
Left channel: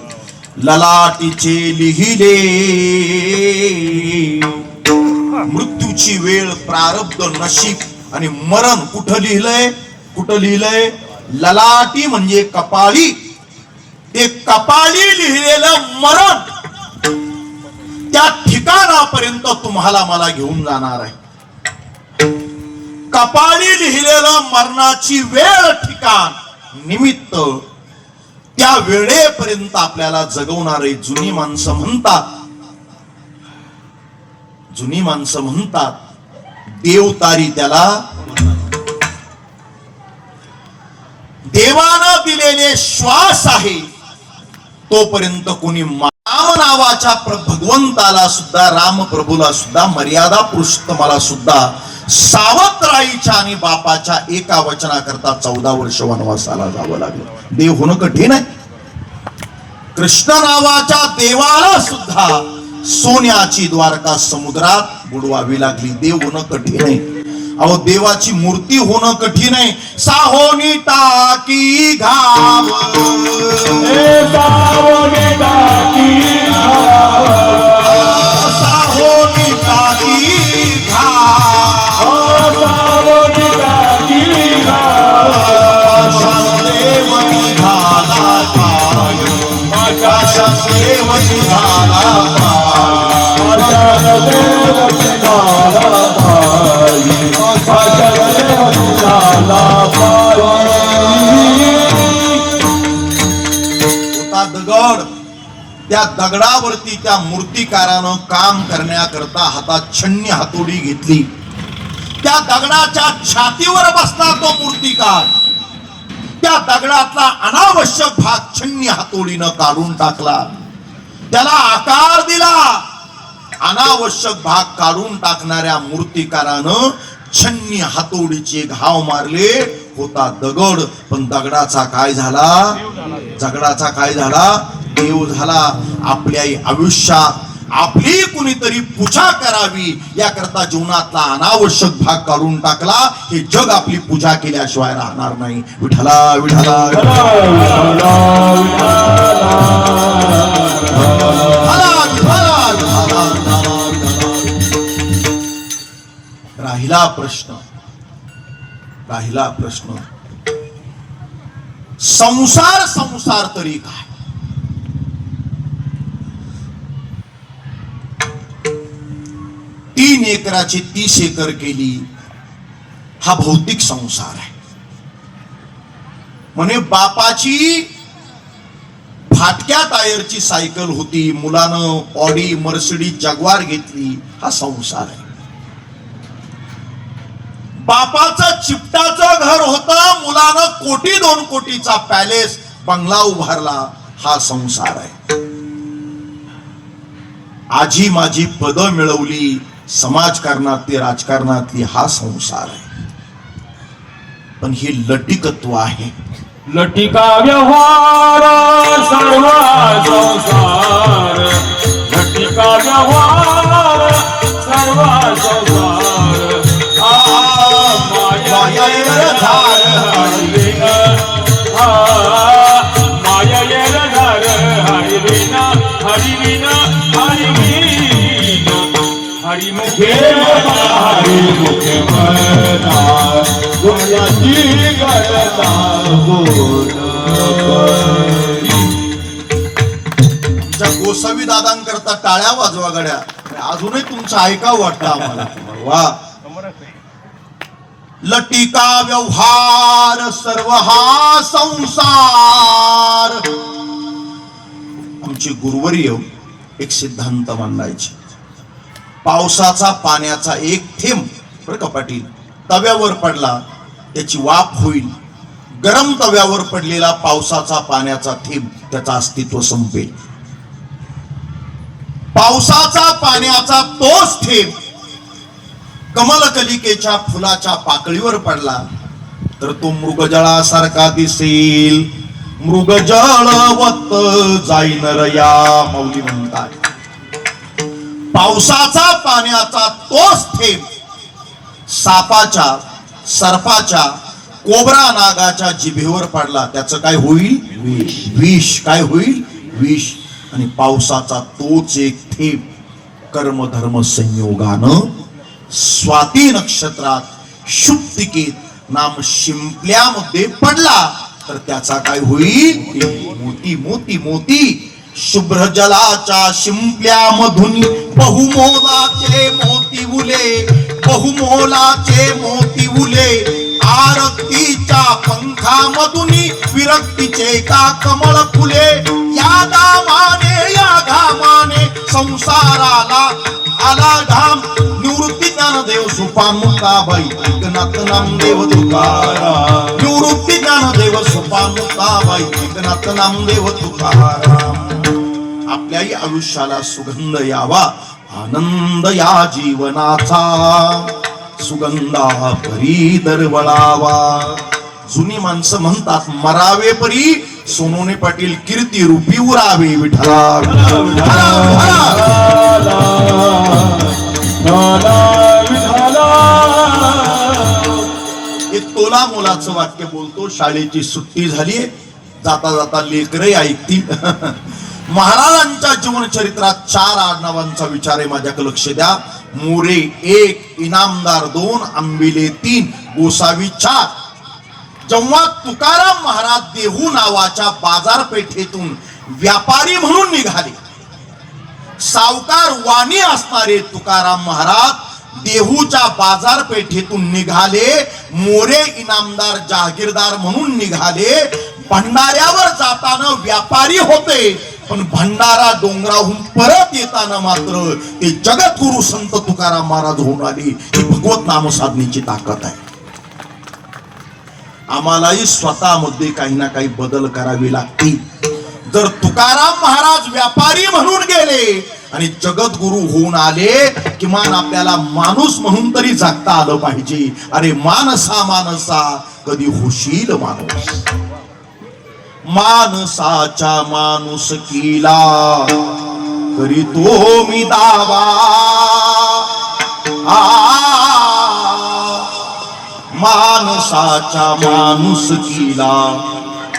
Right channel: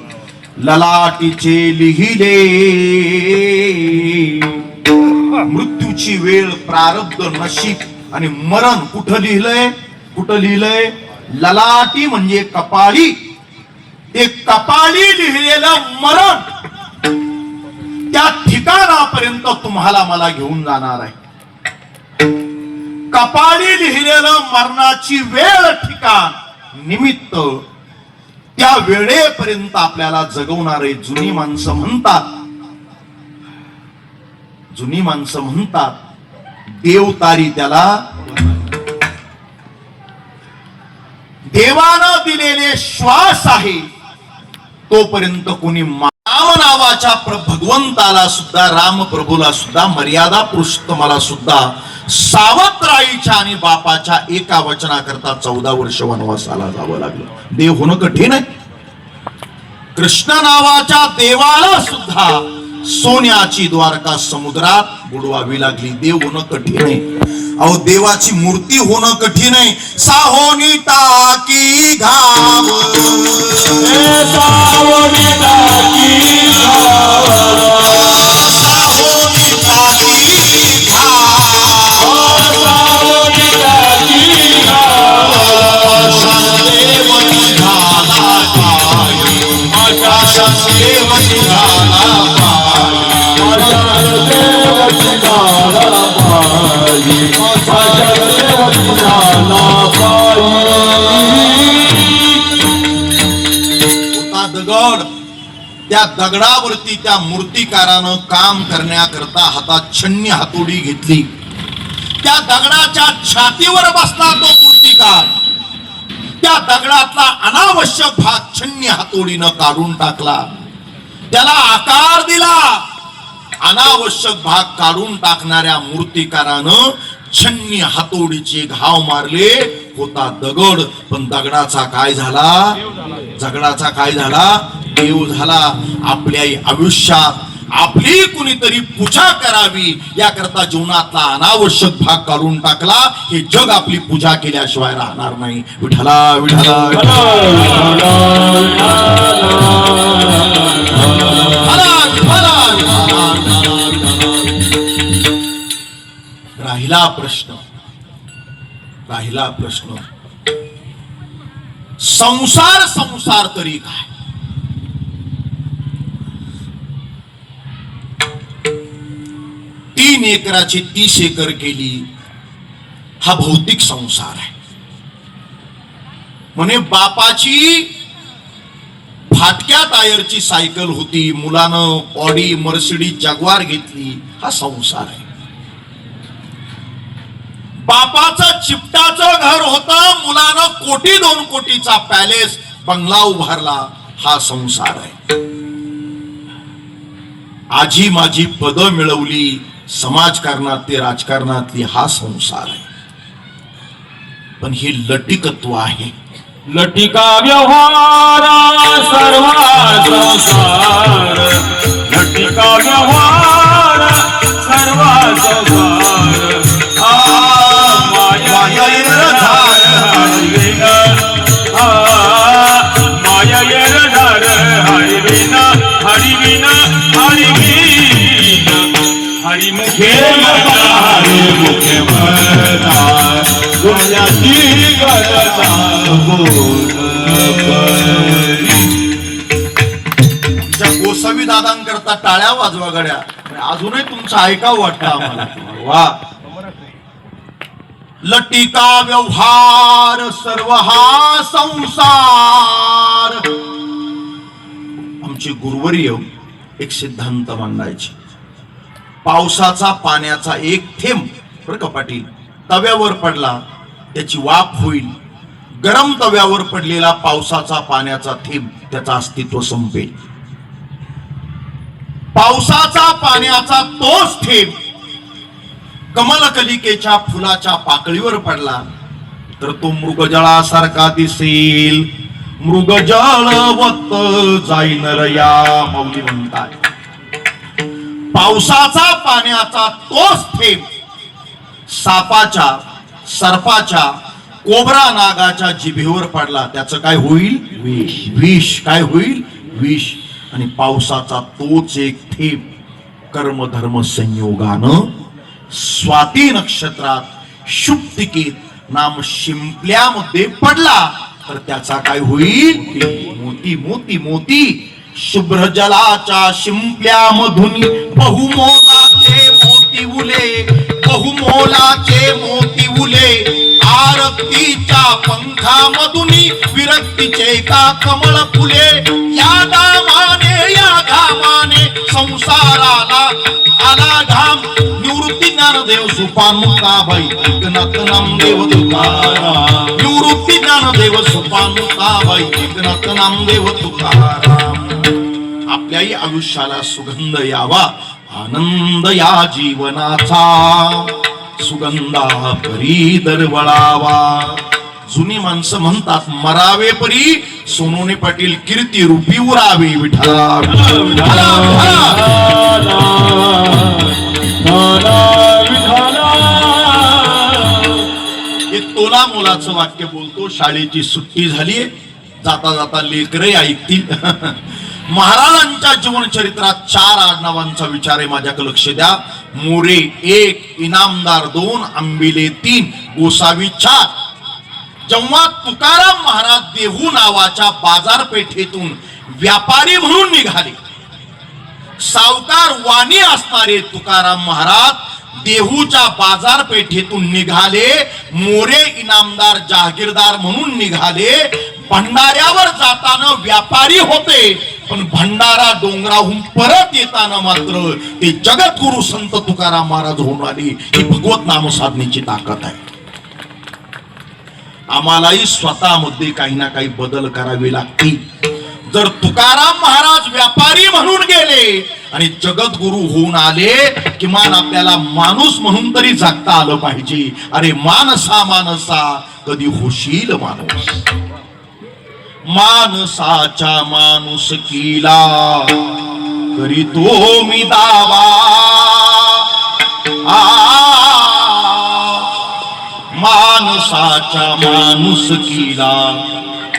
ललाटीचे लिहिले मृत्यूची वेळ, प्रारब्ध, नशीब आणि मरण कुठं लिहिलंय, कुठं लिहिलंय. ललाटी म्हणजे कपाळी. ते कपाळी लिहिलेलं मरण त्या ठिकाणापर्यंत तुम्हाला मला घेऊन जाणार आहे. कपाळी लिहिलेलं मरणाची वेळ, ठिकाण, निमित्त, त्या वेळेपर्यंत आपल्याला जगवणारे जुनी माणसं म्हणतात, जुनी माणसं म्हणतात देवतारी त्याला. देवानं दिलेले श्वास आहे तोपर्यंत कोणी नाम नावाच्या भगवंताला सुद्धा, रामप्रभूला सुद्धा, मर्यादा पुरुषोत्तमाला सुद्धा सावत्राईच्या आणि बापाच्या एका वचनाकरता 14 वर्ष वनवासाला जावं लागलं. देव होणं कठीण आहे. कृष्ण नावाच्या देवाला सुद्धा सोन्याची द्वारका समुद्रात बुडवावी लागली. देव होणं कठीण आहे. अहो, देवाची मूर्ती होणं कठीण आहे. साहोनी टाकी घाव, सावनी टाकी साहोनी टाकी घाव, सावनी टाकी देव निघाला पाय, देव निघाला दगड. त्या दगडावरती त्या मूर्तिकारानं काम करण्याकरता हातात छन्नी हातोडी घेतली. त्या दगडाच्या छातीवर बसला तो मूर्तिकार. त्या दगडातला अनावश्यक भाग छन्नी हातोडीनं काढून टाकला. त्याला आकार दिला. अनावश्यक भाग काढून टाकणाऱ्या मूर्तिकारानं छन्नी हातोडीचे घाव मारले. होता दगड, पण दगडाचा काय झाला? दगडाचा काय झाला? देव झाला. आपल्या आयुष्यात आपली कुणीतरी पूजा करावी याकरता जीवनातला अनावश्यक भाग काढून टाकला. हे जग आपली पूजा केल्याशिवाय राहणार नाही. विठला विठला राहिला प्रश्न संसार. संसार तरी काय? 3 एकराची 30 एकर केली. हा भौतिक संसार आहे. म्हणे बापाची फाटक्या टायरची सायकल होती, मुलानं ऑडी मर्सिडीज जगवार घेतली. हा संसार आहे. बापाचं चिपटाचं घर होतं, मुलानं 1-2 कोटीचा पॅलेस बंगला उभारला. हा संसार आहे. आजी माझी पद मिळवली समाजकारणातली, राजकारणातली. हा संसार आहे. पण हे लटिकत्व आहे. लटिका व्यवहार सर्व संसार, लटिका व्यवहार सर्व संसार. मायेर धार हरिविन, मायेर धार हरिविन, हरिविन हरिविन, हरिमुखे हरिमुखे म्हणा दुनियाची गणना बोल. आमच्या गोसावी दादांकरता टाळ्या वाजवा गड्या. अजूनही तुमचं ऐकावं वाटतं आम्हाला. वा. लटिका व्यवहार सर्व हा संसार. आमची गुरुवर्य एक सिद्धांत मांडायची. पावसाचा पाण्याचा एक थेंब बरं का पाटील तव्यावर पडला त्याची वाफ होईल. गरम तव्यावर पडलेला पावसाचा पाण्याचा थेंब त्याचं अस्तित्व संपेल. पावसाचा पाण्याचा तोच थेंब कमलकलिकेच्या फुलाच्या पाकळीवर पडला तर तो मृगजळासारखा दिसेल. मृगजळवत जाईन रया मौली म्हणतात. पावसाचा पाण्याचा तोच थेंब सापाच्या, सर्पाच्या, कोबरा नागाच्या जिभेवर पडला त्याचं काय होईल? विष. विष काय होईल? विष. आणि पावसाचा तोच एक थेंब कर्मधर्म संयोगानं स्वाती नक्षत्रात शुक्तिकेत नाम शिंपल्यामध्ये पडला तर त्याचा काय होईल? मोती मोती मोती. शुभ्र जलाच्या शिंपल्यामधून बहुमोलाचे मोती उले, बहुमोलाचे मोती उले. आरक्तीच्या पंखामधून विरक्तीचे का कमळ फुले. या दामाने या घामाने संसाराला आला घाम. निवृत्ती ज्ञानदेव सुपामुक्ताबाई एकनाथ नामदेव तुकाराम. निवृत्ती ज्ञानदेव सुपामुक्ताबाई एकनाथ नामदेव तुकाराम. आपल्या पर्यायी आयुष्याला सुगंध यावा, आनंद या जीवनाचा सुगंधा परी दरवळावा. जुनी माणसं म्हणतात मरावे परी सोनोने पाटील कीर्ती रूपी उरावे. विठला हे तोला मोलाचं वाक्य बोलतो. शाळेची सुट्टी झाली, जाता जाता लेकरे ऐकतील. महाराजांच्या जीवन चरित्रात 4 आडनावांचा विचार आहे. माझ्याकडे लक्ष द्या. मोरे 1, इनामदार 2, आंबिले 3, गोसावी 4. जेव्हा तुकाराम महाराज देहू नावाच्या बाजारपेठेतून व्यापारी म्हणून निघाले, सावकार वाणी असणारे तुकाराम महाराज देहूच्या बाजारपेठेतून निघाले. मोरे इनामदार जहागीरदार म्हणून निघाले. भंडाऱ्यावर जाताना व्यापारी होते, पण भंडारा डोंगराहून परत येताना मात्र ते जगद्गुरु संत तुकाराम महाराज होऊन आले. ही भगवत नाम साधनेची ताकद आहे. आम्हालाही स्वतःमध्ये काही ना काही बदल करावे लागतील. जर तुकाराम महाराज व्यापारी म्हणून गेले आणि जगद्गुरु होऊन आले, किमान आपल्याला माणूस म्हणून तरी जगता आलं पाहिजे. अरे मानसा मानसा कधी होशील माणूस, माणसाच्या माणुसकीला करीतो मी दावा. माणसाच्या माणुसकीला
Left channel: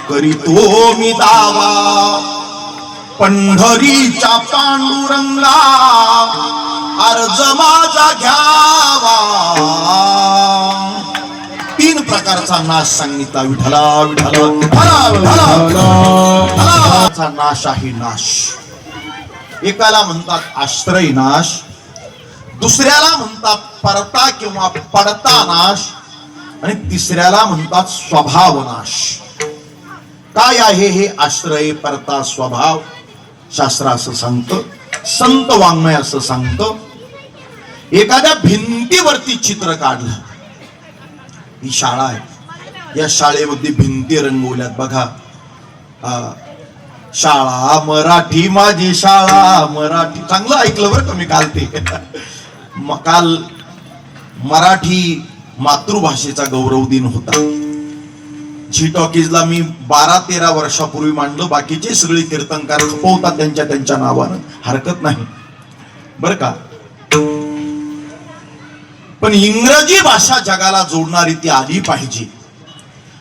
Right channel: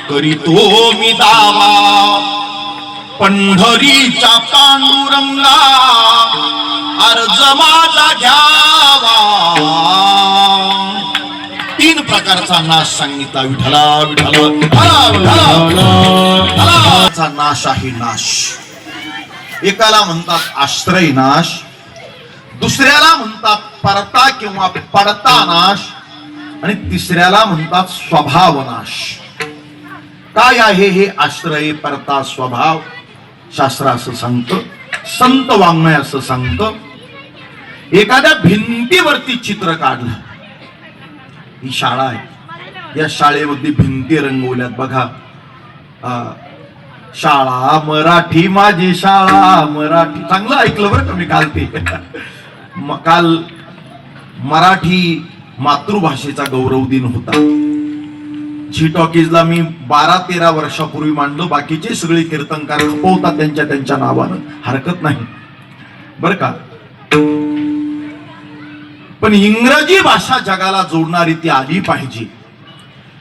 करीतो मी दावा. पंढरीच्या पांडुरंगा अर्ज माझा घ्यावा. 3 प्रकारचा नाश सांगितला. विठला विठला विठला. नाश आहे नाश. एकाला म्हणतात आश्रय नाश, दुसऱ्याला म्हणतात परता किंवा पडता नाश, आणि तिसऱ्याला म्हणतात स्वभाव नाश. काय आहे हे आश्रय, परता, स्वभाव? शास्त्र असं सांगतं, संत वाङ्मय असं सांगतं. एखाद्या भिंतीवरती चित्र काढलं. ही शाळा आहे, या शाळेमध्ये भिंती रंगवल्यात बघा. शाळा मराठी माझी शाळा मराठी. चांगलं ऐकलं बरं का मी काल ते. काल मराठी मातृभाषेचा गौरव दिन होता. झी टॉकीजला मी 12-13 वर्षापूर्वी मांडलं. बाकीचे सगळे कीर्तनकार खपवतात त्यांच्या नावानं, हरकत नाही बर का. पण इंग्रजी भाषा जगाला जोडणारी ती आली पाहिजे.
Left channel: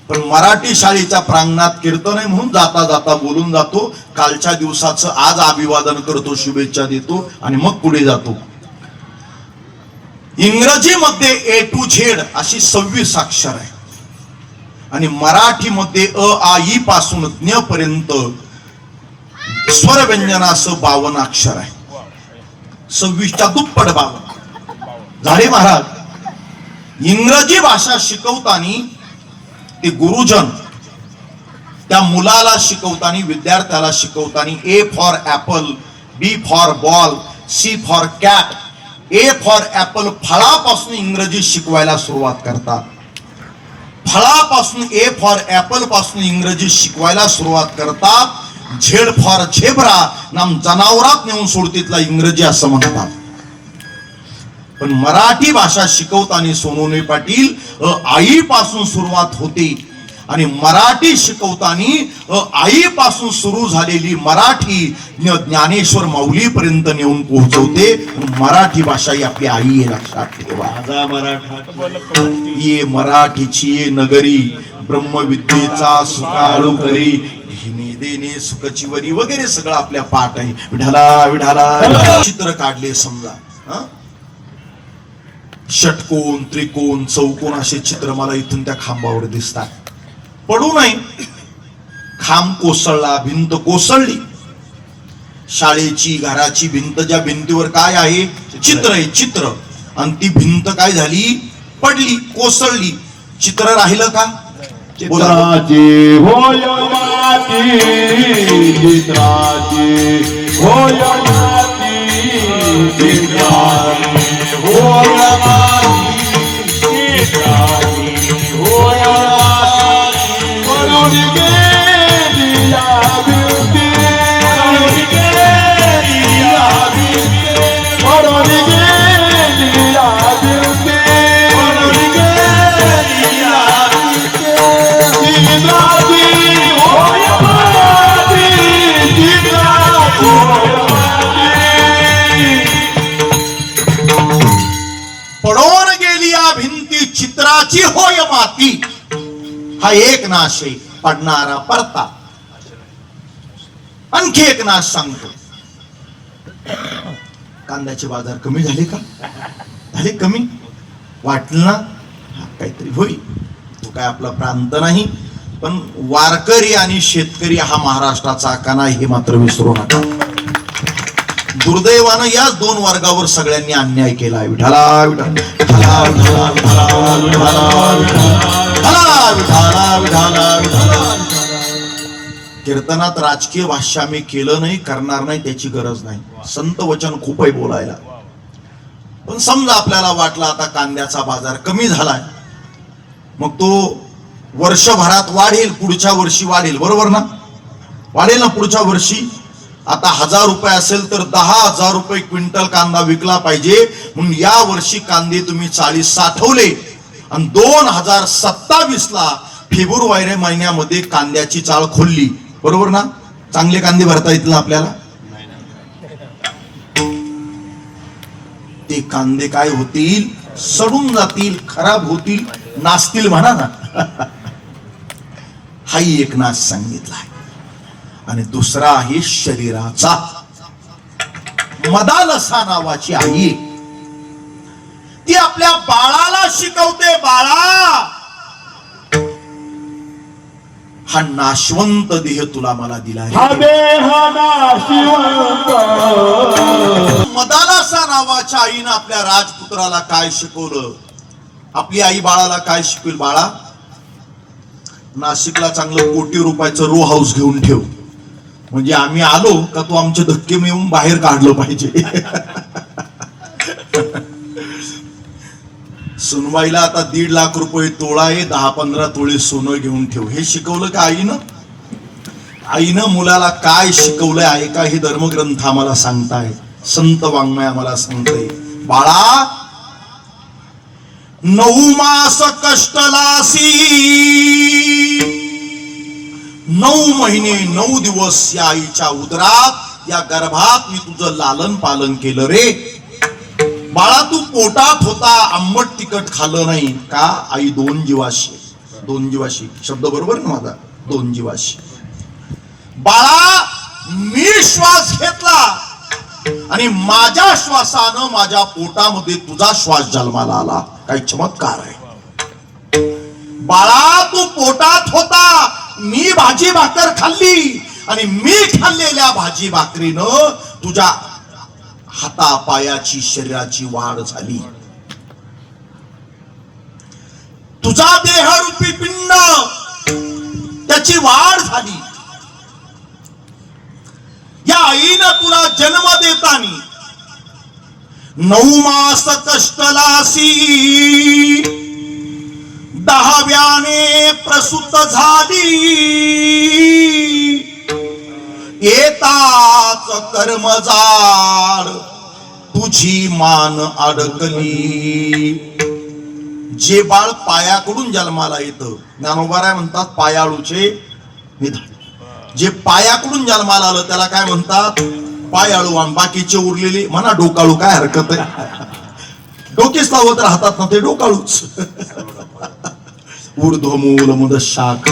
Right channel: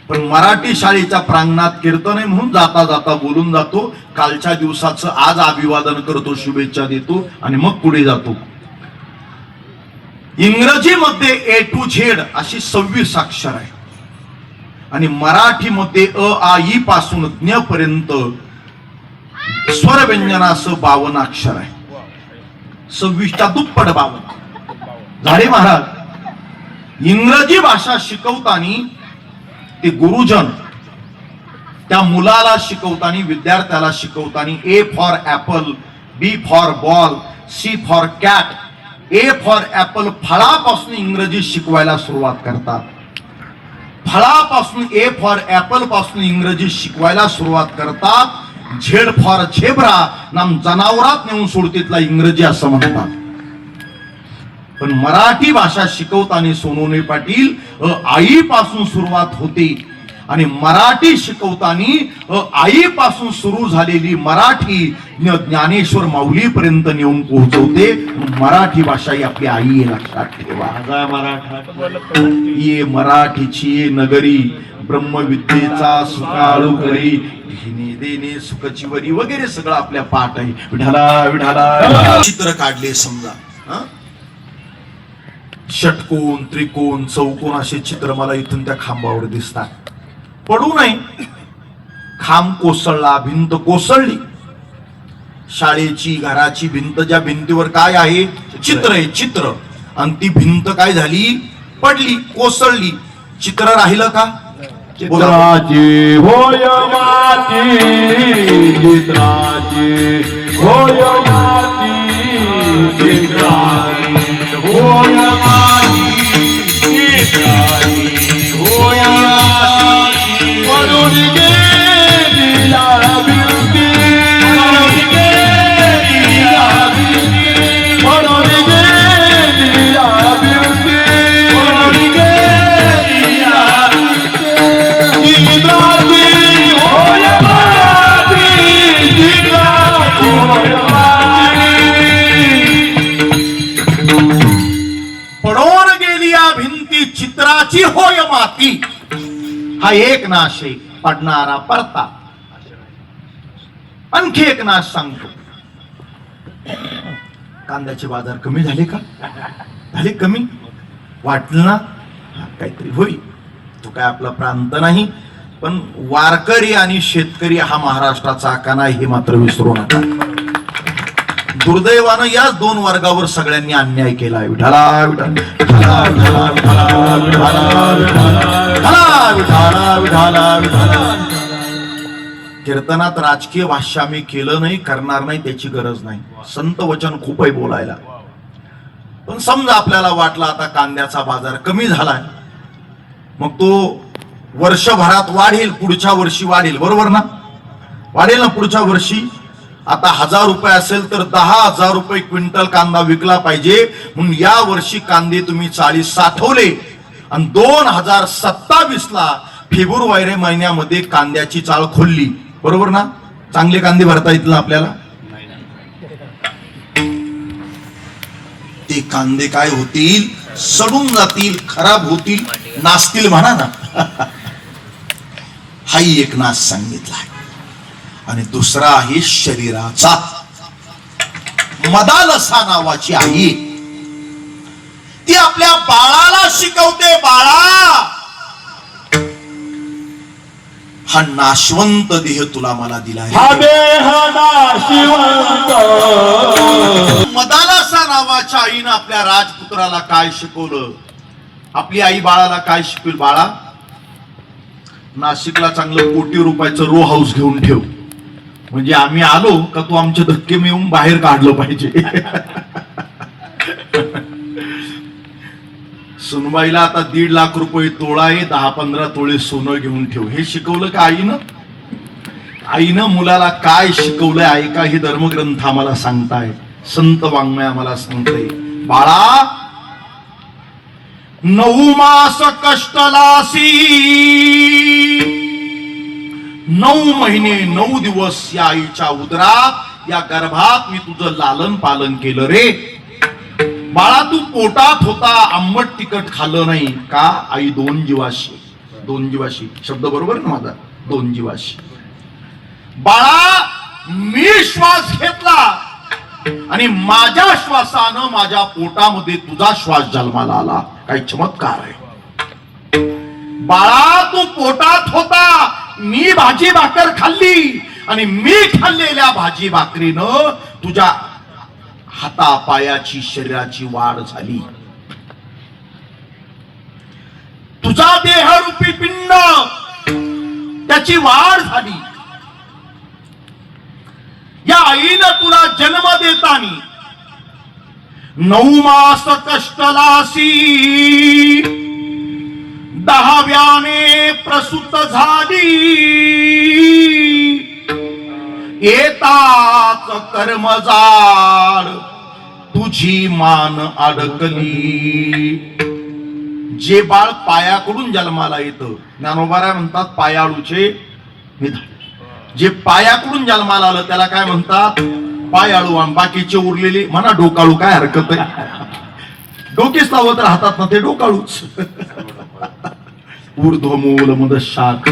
पण मराठी शाळेच्या प्रांगणात कीर्तन आहे म्हणून जाता जाता बोलून जातो. कालच्या दिवसाचं आज अभिवादन करतो, शुभेच्छा देतो आणि मग पुढे जातो. इंग्रजीमध्ये A to Z अशी 26 अक्षर आहे आणि मराठीमध्ये अ आ ई पासून ज्ञ पर्यंत स्वर व्यंजनासह 52 अक्षर आहे. 26च्या दुप्पट 52. झाडे महाराज इंग्रजी भाषा शिकवताना ते गुरुजन त्या मुलाला शिकवताना, विद्यार्थ्याला शिकवताना A for apple, B for ball, C for cat, A for apple फळापासून इंग्रजी शिकवायला सुरुवात करतात. फळापासून A फॉर ऍपल पासून इंग्रजी शिकवायला सुरुवात करतात. Z फॉर झेब्रा नाम जनावरात नेऊन सोडतीतला इंग्रजी असं म्हणतात. पण मराठी भाषा शिकवताना सोनोने पाटील आईपासून सुरुवात होते आणि मराठी शिकवताना आईपासून सुरू झालेली मराठी ज्ञानेश्वर माऊली पर्यंत नेऊन पोहोचवते. मराठी भाषा ही आपली आई आहे, लक्षात ठेवा. ये मराठीची ये नगरी, ब्रह्मविद्येचा सुकाळू करी, घेणे देणे सुखचिवरी वगैरे सगळं आपल्या पाठ आहे. विठाला विठाला. चित्र काढले समजा, षटकोन, त्रिकोण, चौकोन असे चित्र मला इथून त्या खांबावर दिसतात. पडू नये. खांब कोसळला, भिंत कोसळली. शाळेची, घराची भिंत, ज्या भिंतीवर काय आहे? चित्र आहे, चित्र. आणि ती भिंत काय झाली? पडली, कोसळली. चित्र राहिलं का? चित्राची होय माती, चित्राची होय माती, चित्राची होय माती, चित्राची होय माती. पडून गेली या भिंती, पडून गेली पुत्राची होय माती, हा एक नाश आहे पडणारा परता. आणखी एक नाश सांगतो. कांद्याचे बाजार कमी झाले का? झाले कमी? वाटलं ना काहीतरी होईल. तो काय आपला प्रांत नाही, पण वारकरी आणि शेतकरी हा महाराष्ट्राचा कणा आहे, हे मात्र विसरू नका. दुर्दैवानं याच दोन वर्गावर सगळ्यांनी अन्याय केला. विठाला विठाला विठाला विठाला विठाला विठाला विठाला विठाला. कीर्तनात राजकीय भाष्य मी केलं नाही, करणार नाही, त्याची गरज नाही. संत वचन खूप आहे बोलायला. पण समजा आपल्याला वाटलं आता कांद्याचा बाजार कमी झालाय, मग तो वर्षभरात वाढेल, पुढच्या वर्षी वाढेल, बरोबर ना? वाढेल ना पुढच्या वर्षी. आता 1000 रुपये असेल तर 10,000 रुपये क्विंटल कांदा विकला पाहिजे. म्हणून या वर्षी कांदे तुम्ही 40 साठवले आणि 2027 ला फेब्रुवारी महिन्यामध्ये कांद्याची चाळ खोलली, बरोबर ना? चांगले कांदे भरता येतील आपल्याला. ते कांदे काय होतील? सडून जातील, खराब होतील, नासतील म्हणा ना. हाही एक नाश सांगितला आहे. आणि दुसरा आहे शरीराचा. मदालसा नावाची आई, ती आपल्या बाळाला शिकवते, बाळा हा नाशवंत देह तुला मला दिला आहे. मदालसा नावाच्या आईनं आपल्या राजपुत्राला काय शिकवलं? आपली आई बाळाला काय शिकवेल? बाळा, नाशिकला चांगलं कोटी रुपयाचं रो हाऊस घेऊन ठेव, म्हणजे आम्ही आलो का तू आमचे धक्के मिळून बाहेर काढलं पाहिजे. सुनबाईला आता 1.5 लाख रुपये तोळा आहे, 10-15 तोळे सोनं घेऊन ठेव. हे शिकवलं का आईनं? आईनं मुलाला काय शिकवलंय ऐका, हे धर्मग्रंथ आम्हाला सांगताय, संत वाङ्मय आम्हाला सांगते. बाळा, 9 मास कष्टलासी, 9 महिने 9 दिवस या आईच्या उदरात, या गर्भात मी तुझं लालन पालन केलं रे. बाळा, तू पोटात होता, आंबट तिखट खाल्लं नाही का? आई 2 जीवाशी, 2 जीवाशी शब्द बरोबर ना माझा? 2 जीवाशी. बाळा, मी श्वास घेतला आणि माझ्या श्वासानं माझ्या पोटामध्ये तुझा श्वास जन्माला आला. काही चमत्कार आहे. बाळा, तू पोटात होता, मी भाजी भाकर खाल्ली आणि मी खाल्लेल्या भाजी भाकरीनं तुझ्या हातापायाची शरीराची वाढ झाली. तुझा देहरूपी पिंड, त्याची वाढ झाली. या आईनं तुला जन्म देतानी 9 मास कष्टलासी, 10व्याने प्रसूत झाली. येताच कर्मजाळ तुझी मान अडकली. जे बाळ पायाकडून जन्माला येतं, ज्ञानोबा म्हणतात पायाळूचे निधन. जे पायाकडून जन्माला आलं त्याला काय म्हणतात? पायाळू. आणि बाकीचे उरलेले म्हणा डोकाळू, काय हरकत आहे? डोके सावत्र राहतात ना ते डोकाळूच. ऊर्ध्वमूल मुदशाख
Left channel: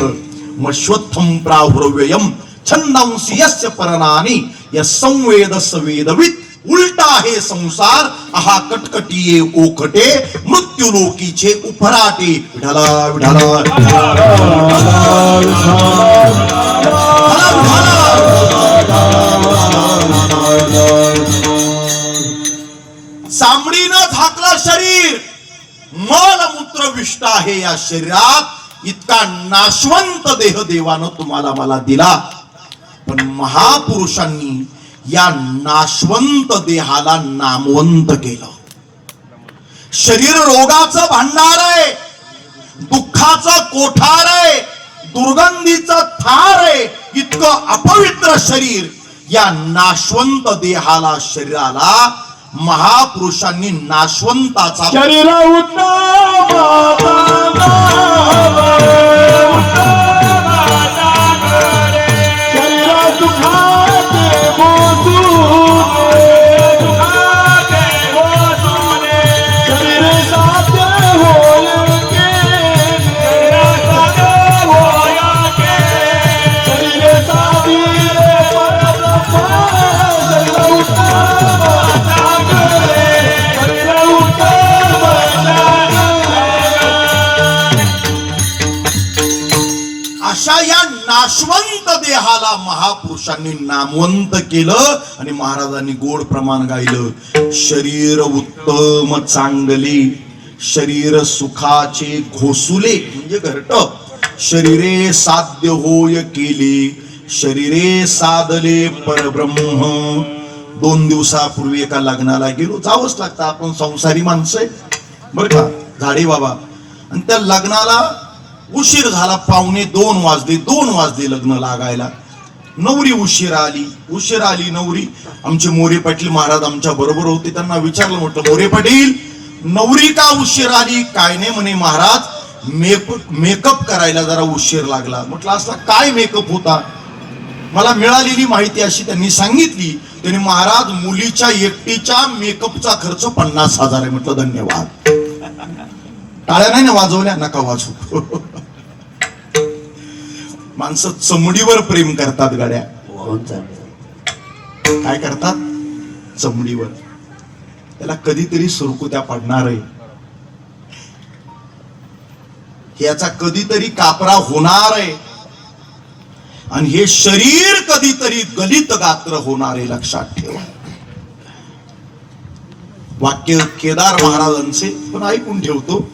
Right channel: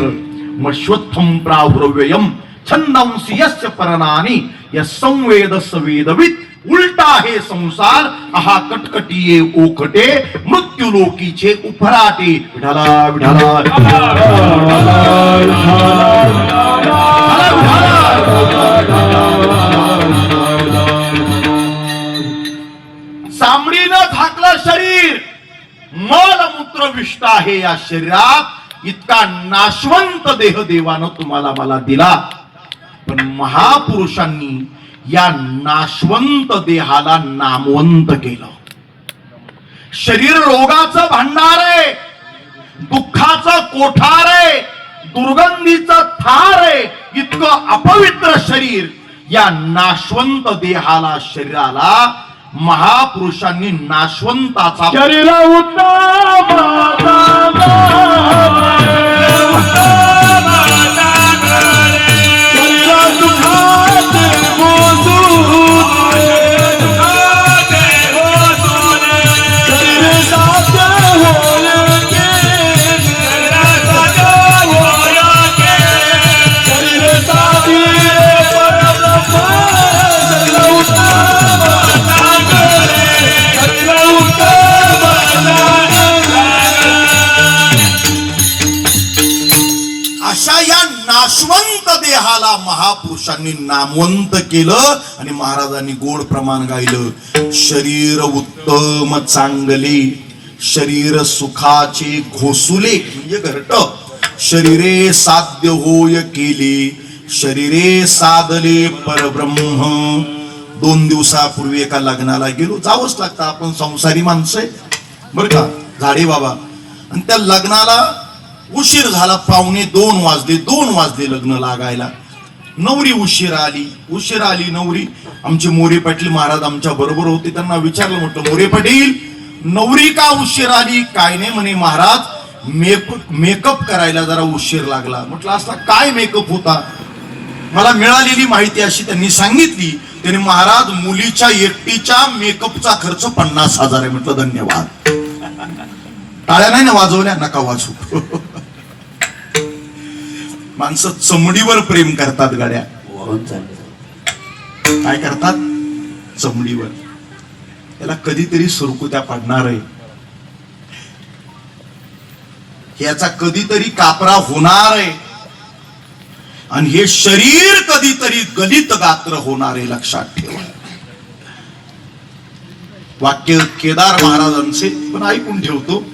मश्वत्थम प्राहुर्व्ययम छंदांसी यस्य परनानी यस्संवेदस वेदवित. उलटा हे संसार, आहा कटकटिये ओखटे, मृत्यू लोकीचे उफराटे. विठाला विठाला चामडीनं झाकलं शरीर, मलमूत्र विष्ट आहे या शरीरात. इतका नाशवंत देह देवानं तुम्हाला मला दिला. पण महापुरुषांनी या नाशवंत देहाला नामवंत केलं. शरीर रोगाचं भांडार आहे, दुःखाचं कोठार आहे, दुर्गंधीचं थार आहे. इतकं अपवित्र शरीर, या नाशवंत देहाला, शरीराला महापुरुषांनी नाशवंताचा शरीर नाशवंत देहाला महापुरुषांनी नामवंत केलं आणि महाराजांनी गोड प्रमाण गायलं. शरीर उत्तम चांगले, शरीर सुखाचे घोसुले म्हणजे घरट, शरीरे साध्य होय केले, शरीरे साधले परब्रह्म. 2 दिवसापूर्वी एका लग्नाला गेलो. जावंच लागतं, आपण संसारी माणसं आहे बरं का झाडे बाबा. आणि त्या लग्नाला उशीर झाला, 1:45 2 वाजले लग्न लागायला. नवरी उशीर आली नवरी. आमचे मोरे पाटील महाराज आमच्या बरोबर होते. त्यांना विचारलं, म्हटलं मोरे पाटील नवरी का उशीर आली? काय नाही म्हणे महाराज मेकअप करायला जरा उशीर लागला. म्हटलं असला काय मेकअप होता? मला मिळालेली माहिती अशी त्यांनी सांगितली. त्याने महाराज मुलीच्या एकटीच्या मेकअपचा खर्च 50,000 आहे. म्हटलं धन्यवाद. टाळ्या नाही ना वाजवल्या, नका वाजवू. माणसं चमडीवर प्रेम करतात गाड्या. काय करतात? चमडीवर. त्याला कधीतरी सुरकुत्या पडणार आहे, याचा कधीतरी कापरा होणार आहे, आणि हे शरीर कधीतरी गलित गात्र होणार आहे. लक्षात ठेवा. वाक्य केदार महाराजांचे पण ऐकून ठेवतो.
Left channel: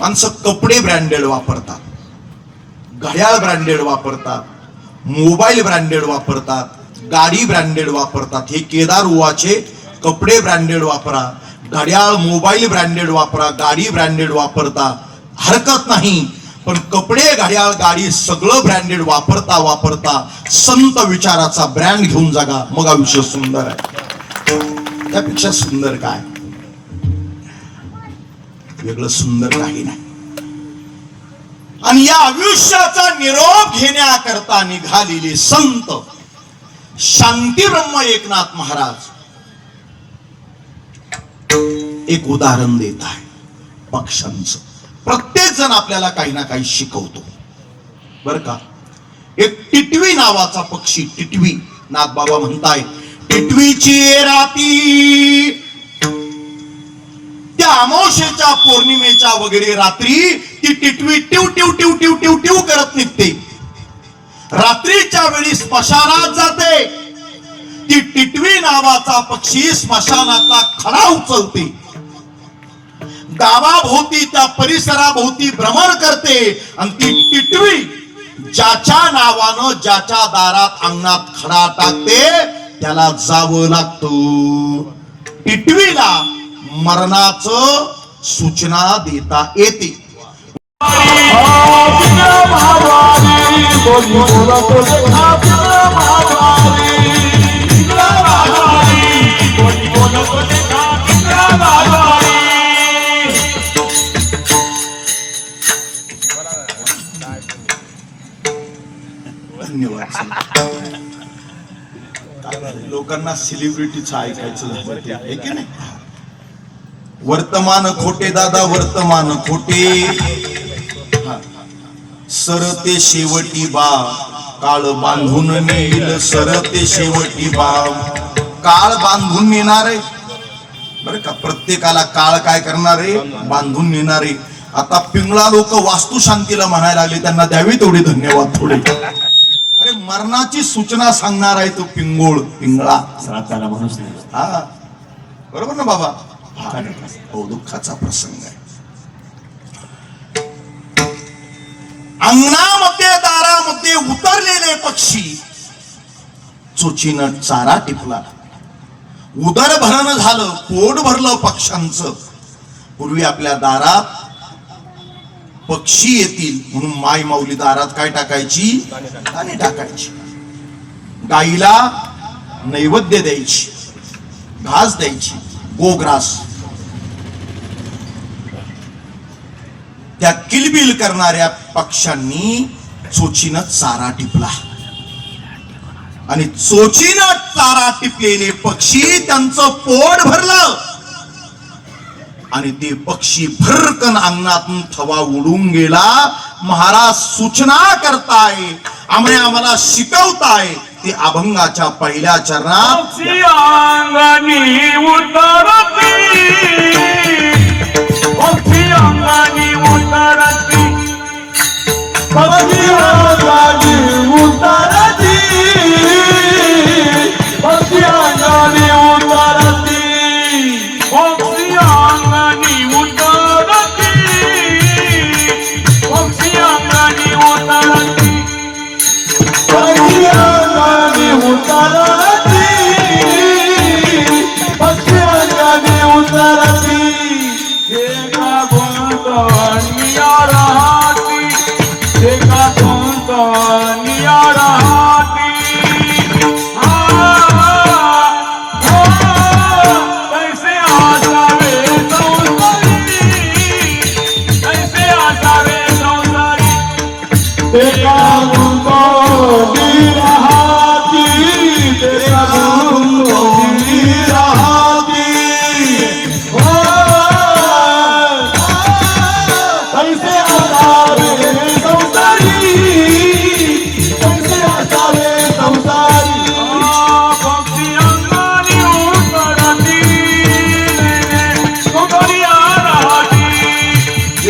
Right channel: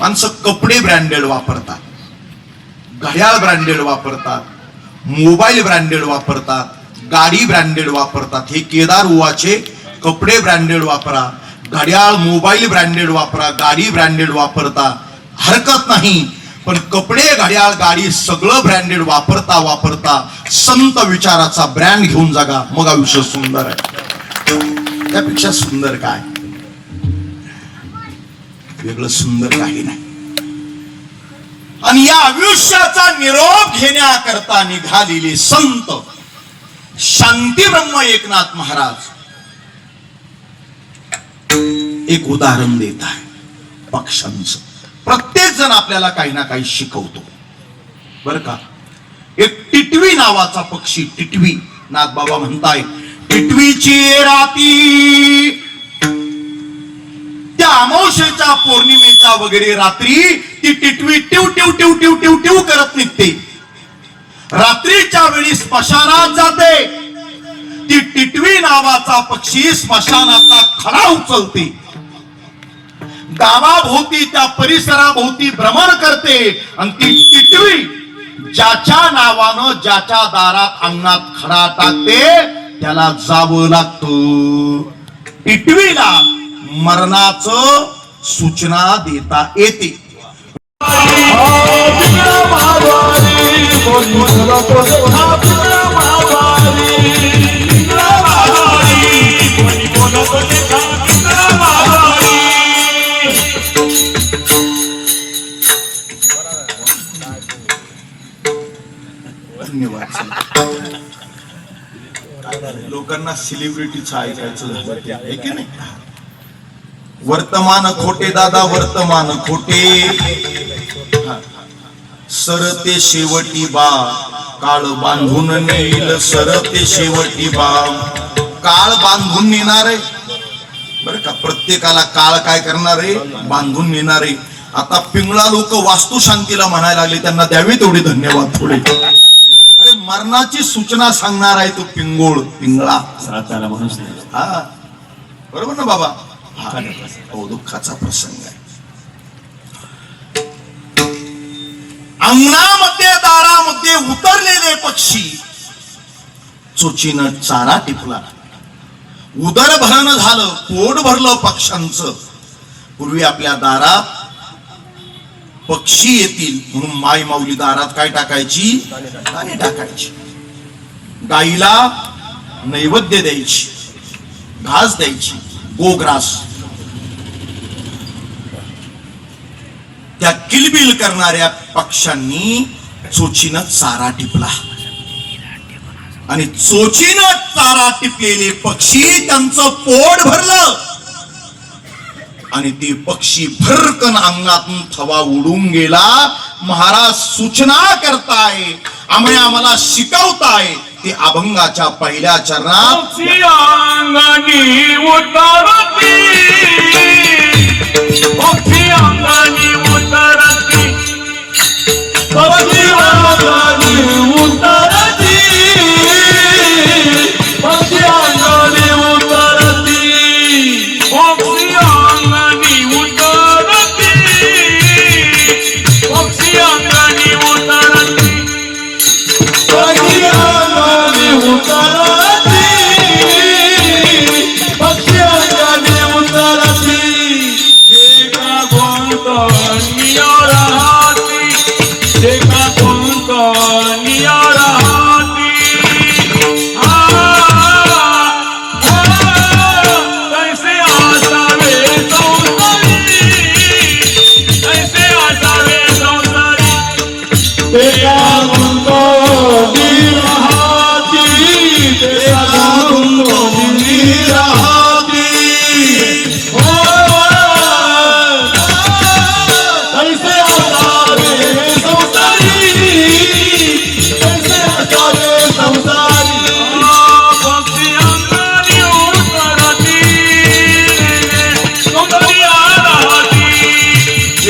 माणसं कपडे ब्रँडेड वापरतात, घड्याळ ब्रँडेड वापरतात, मोबाईल ब्रँडेड वापरतात, गाडी ब्रँडेड वापरतात. हे केदार उवाचे कपडे ब्रँडेड वापरा, घड्याळ मोबाईल ब्रँडेड वापरा, गाडी ब्रँडेड वापरता, हरकत नाही. पण कपडे घड्याळ गाडी सगळं ब्रँडेड वापरता संत विचाराचा ब्रँड घेऊन जगा, मग आयुष्य सुंदर आहे. त्यापेक्षा सुंदर काय? वेगळं सुंदर काही नाही. आणि या आयुष्याचा निरोप घेण्याकरता निघालेले संत शांती ब्रह्म एकनाथ महाराज एक उदाहरण देत आहे पक्ष्यांचं. प्रत्येक जण आपल्याला काही ना काही शिकवतो बर का. एक टिटवी नावाचा पक्षी, टिटवी नाथबाबा म्हणताय, टिटवीची राती त्या अमावस्येच्या पौर्णिमेच्या वगैरे रात्री ती टिटवी टिव टिव टिव टिव टिव टिव करत निघते. रात्रीच्या वेळी स्मशानात जाते. ती टिटवी नावाचा पक्षी स्मशानाचा खडा उचलते, गावाभोवती त्या परिसराभोवती भ्रमण करते, आणि ती टिटवी ज्याच्या नावानं ज्याच्या दारात अंगणात खडा टाकते त्याला जावं लागतं. टिटवीला मरणाचं सूचना देता येते. धन्यवाद. लोकांना सेलिब्रिटीचं ऐकायचं झालं आहे की नाही. वर्तमान खोटे दादा, वर्तमान खोटे. सरते शेवटी बा काळ बांधून नेईल, सरते शेवटी बा काळ बांधून नेणार आहे बरं का. प्रत्येकाला काळ काय करणार आहे? बांधून नेणार आहे. आता पिंगळा लोक वास्तुशांतीला म्हणायला लागले, त्यांना द्यावी तेवढे धन्यवाद थोडे. अरे मरणाची सूचना सांगणार आहे तो पिंगळा. हा बरोबर ना बाबा. हो, दुःखाचा प्रसंग आहे. अंगणामध्ये दारामध्ये उतरलेले पक्षी चोचीनं चारा टिपला. उदर भरण झालं, पोट भरलं पक्ष्यांचं. पूर्वी आपल्या दारात पक्षी येतील म्हणून माय माऊली दारात काय टाकायची? दाणे टाकायची. गाईला नैवेद्य द्यायची, घास द्यायची, गोग्रास. त्या किलबिल करणाऱ्या पक्ष्यांनी चोचीनं चारा टिपला, आणि चोचीनं चारा टिपलेले पक्षी त्यांचं पोट भरलं, आणि ते पक्षी भरकन अंगणातून थवा उडून गेला. महाराज सूचना करताय, आम्हाला शिकवताय. ते अभंगाच्या पहिल्या चरणात अंगानी उतरती, अंगानी उतरती, पक्षी अंगानी उतरती पक्षी अंगानी उतरती पक्षी अंगानी उतरती पक्षी अंगानी उतरती पक्षी अंगानी उतरती पक्षी अंगानी उतरती एका गोंधळिया राहती एका गोंधळिया राहती कैसे आसावे संसारी कैसे आसावे संसारी एका गोंधळी राहती एका गोंधळी राहती कैसे आसावे संसारी कैसे आसावे संसारी पक्षी अंगानी उतरती गोंधळिया राहती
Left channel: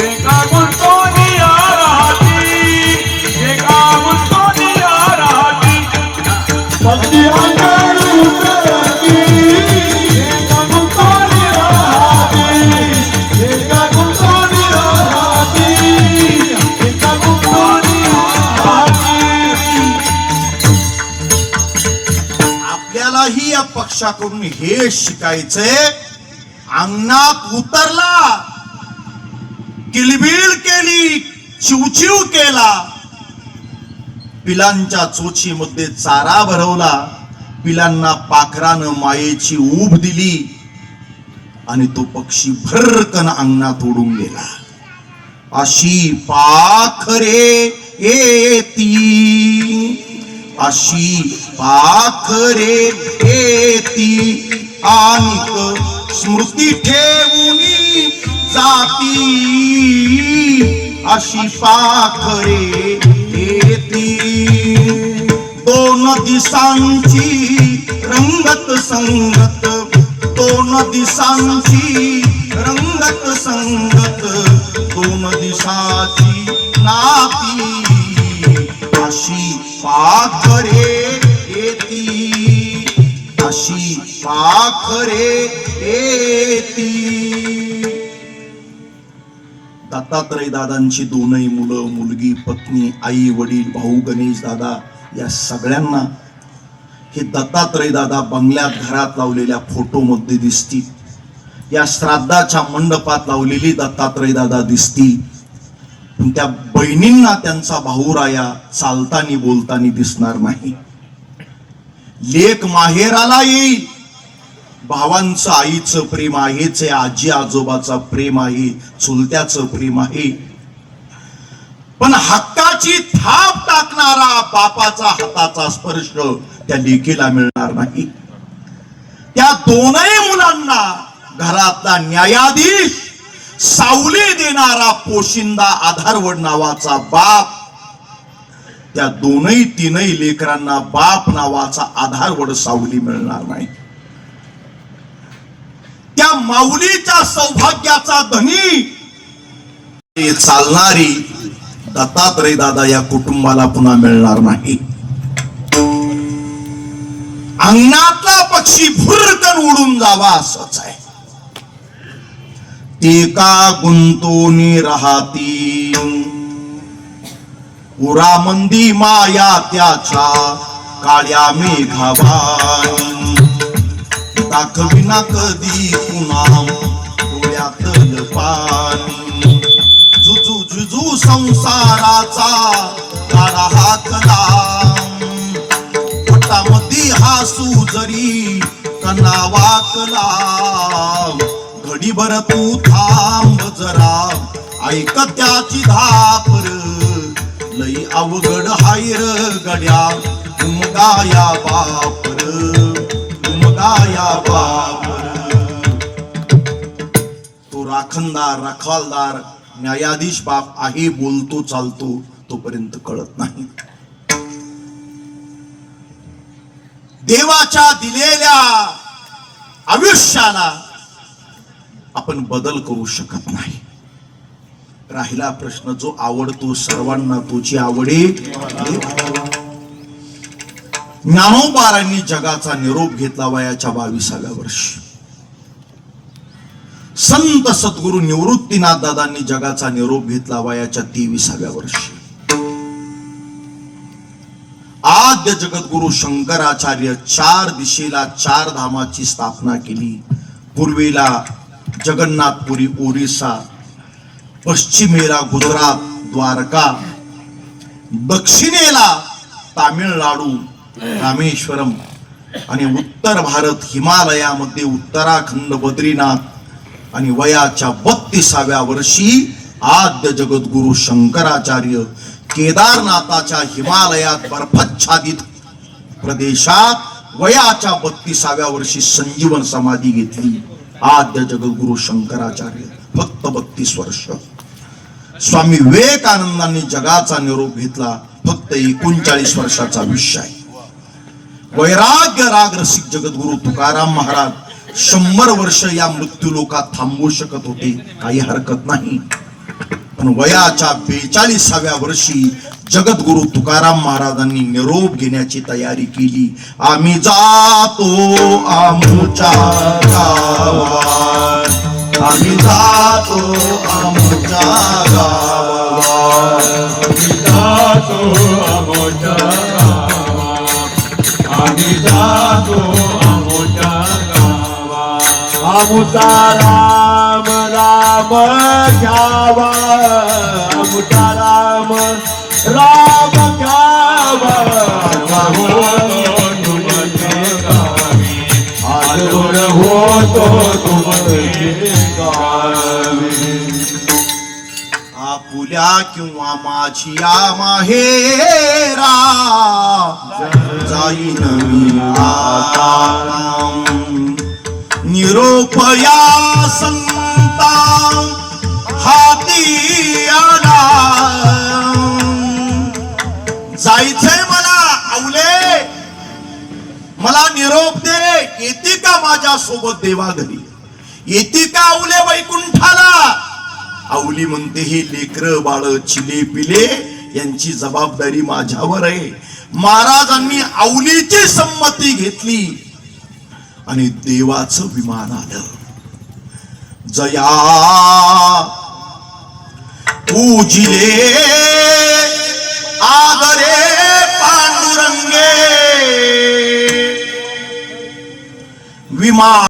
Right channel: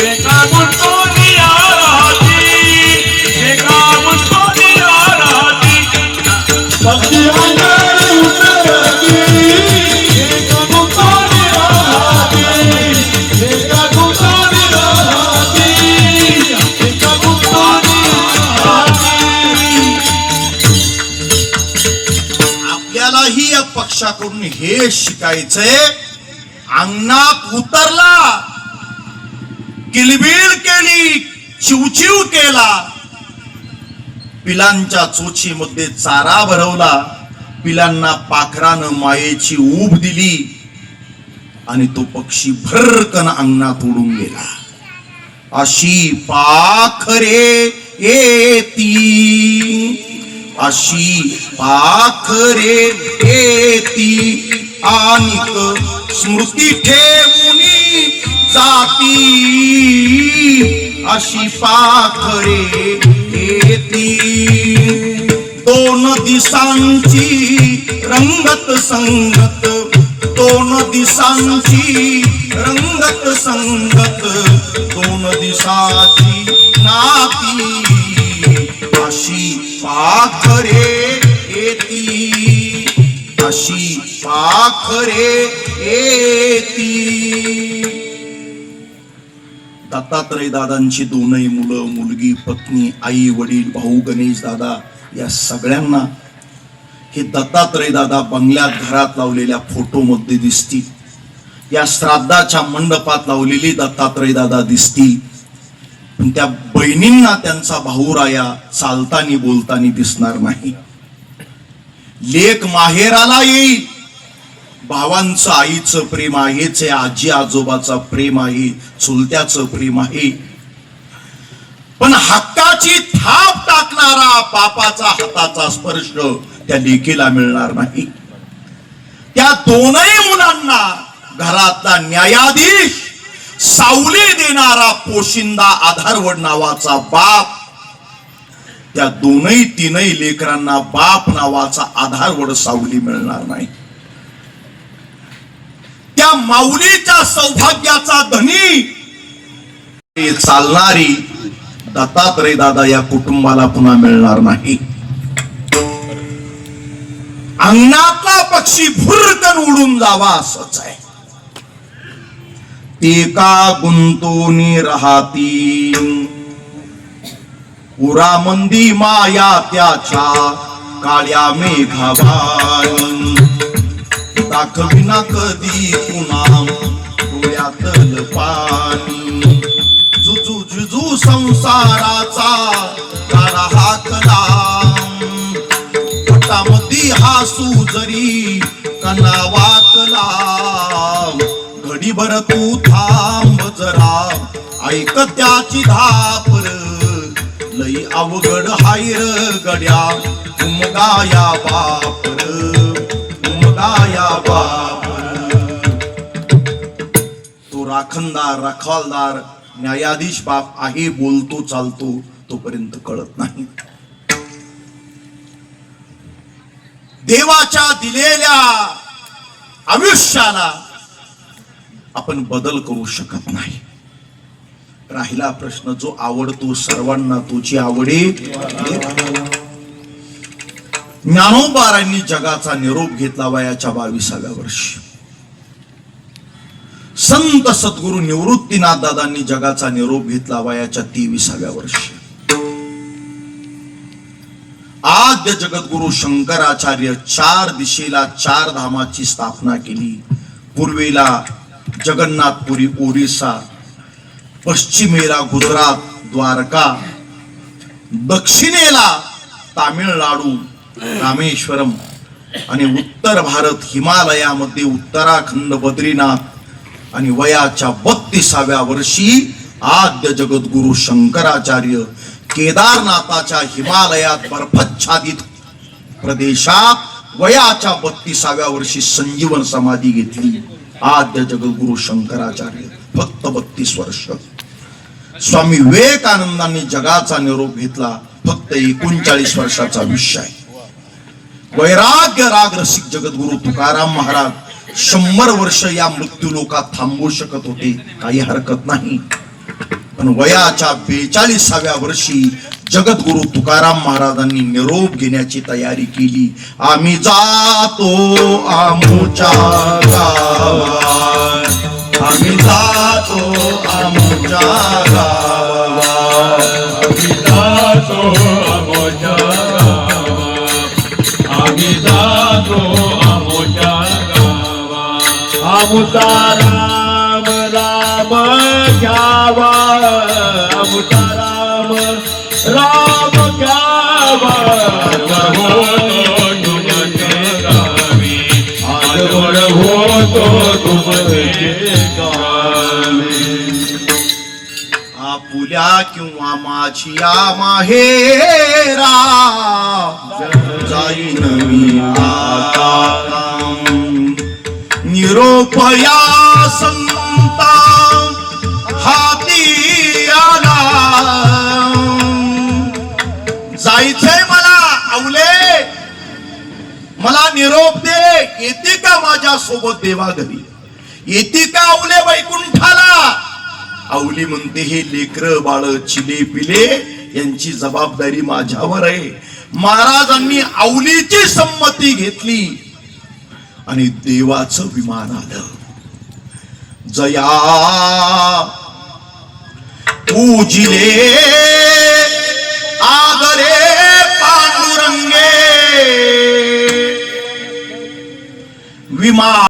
एका गोंधळिया राहती एका गोंधळिया राहती पक्षी अंगानी उतरती एका गोंधळी राहती एका गोंधळी राहती एका गोंधळी राहती आपल्यालाही या पक्षाकडून हे शिकायचंय. अंगणात उतरला, किलबिल केली, चिवचिव केला, पिलांच्या चोचीमध्ये चारा भरवला, पिलांना पाखरानं मायेची ऊब दिली आणि तो पक्षी भरकन अंगणात उडून गेला. अशी पाखरे येती अशी पाखरे येती आनिक स्मृती ठेवूनी जाती अशी पाखरे येती. दोन दिसांची रंगत संगत दोन दिसांची रंगत संगत दोन दिसाची नाती अशी पाखरे येती अशी पाखरे येती. दत्तात्रय दादांची दोनही मुलं, मुलगी, पत्नी, आई, वडील, भाऊ, गणेश दादा या सगळ्यांना हे दत्तात्रय दादा बंगल्यात घरात लावलेल्या फोटो मध्ये दिसतील. या श्राद्धाच्या मंडपात लावलेली दत्तात्रय दादा दिसतील. पण त्या बहिणींना त्यांचा भाऊराया चालतानी बोलतानी दिसणार नाही. लेक माहेराला येईल, भावांचं आईचं प्रेम आहेच, आजी आजोबाचं प्रेम आहे, चुलत्याचं प्रेम आहे. पण हक्काची थाप टाकणारा बापाचा हाताचा स्पर्श त्या लेकीला मिळणार नाही. त्या दोनही मुलांना घरातला न्यायाधीश, सावली देणारा पोशिंदा, आधारवड नावाचा बाप, त्या दोनही तीनही लेकरांना बाप नावाचा आधारवड, सावली मिळणार नाही. त्या माऊलीच्या सौभाग्याचा धनी चालणारी दत्तात्रय दादा या कुटुंबाला पुन्हा मिळणार नाही. अंगणातला पक्षी भुरकन उडून जावा असंच आहे. ते का गुंतोनी राहती उरामंदी माया त्याच्या काळ्या मेघावानी दाखविना कधी पुन्हा डोळ्यातल पाणी जुजू जुजू संसाराचा काळा हाकला पोटामध्ये हासू जरी कना वाकला घडीभर तू थांब जरा ऐक त्याची धापर लई अवघड हायर गड्या उमगाया बापर उमगाया बापर. तो राखणदार रखवालदार न्यायाधीश बाप आहे, बोलतो चालतो तोपर्यंत कळत नाही. देवाच्या दिलेल्या आयुष्याला आपण बदल करू शकत नाही. राहिला प्रश्न, जो आवडतो सर्वांना तोची आवडे. ज्ञानोबारांनी जगाचा निरोप घेतला वयाच्या 22व्या वर्षी. संत सद्गुरु निवृत्तीनाथ दादांनी जगाचा निरोप घेतला वयाच्या 23व्या वर्षी. आद्य जगद्गुरु शंकराचार्य 4 दिशेला 4 धामाची स्थापना केली. पूर्वेला जगन्नाथपुरी ओरिसा, पश्चिमेला गुजरात द्वारका, दक्षिणेला तामिळनाडू रामेश्वरम आणि उत्तर भारत हिमालयामध्ये उत्तराखंड बद्रीनाथ. आणि वयाच्या 32व्या वर्षी आद्य जगद्गुरु शंकराचार्य केदारनाथाच्या हिमालयात बर्फाच्छादित प्रदेशात वयाच्या 32व्या वर्षी संजीवन समाधी घेतली. आद्य जगद्गुरु शंकराचार्य फक्त 32 वर्ष. स्वामी विवेकानंदांनी जगाचा निरोप घेतला फक्त 39 वर्षाचा विषय. वैराग्य राग रसिक जगद्गुरु तुकाराम महाराज 100 वर्ष या मृत्यूलोकात थांबू शकत होते, काही हरकत नाही. पण वयाच्या 42व्या वर्षी जगद्गुरु तुकाराम महाराजांनी निरोप घेण्याची तयारी केली. आम्ही जातो आमुच्या गावात, आम्ही जातो आमुच्या गावात, आम्ही जातो आमोच्या गावात, आम्ही जातो आमोच्या गावात. आमुचा राम राम घ्यावा, आमुचा राम राम घ्यावा. आजवर होतो तुमचे गावी. आपुल्या किंवा माझी माहेरा जाईन मी आता. निरोप या संता हाती आला. जायचंय मला आवले, मला निरोप दे. येते का माझ्या सोबत देवा घरी, येते का आवले वैकुंठाला. आवली म्हणते, हे लेकर बाळ चिले पिले यांची जबाबदारी माझ्यावर आहे. महाराजांनी आवलीची संमती घेतली आणि देवाचं विमान आलं. जया पूजिले आगरे पांडुरंगे विमान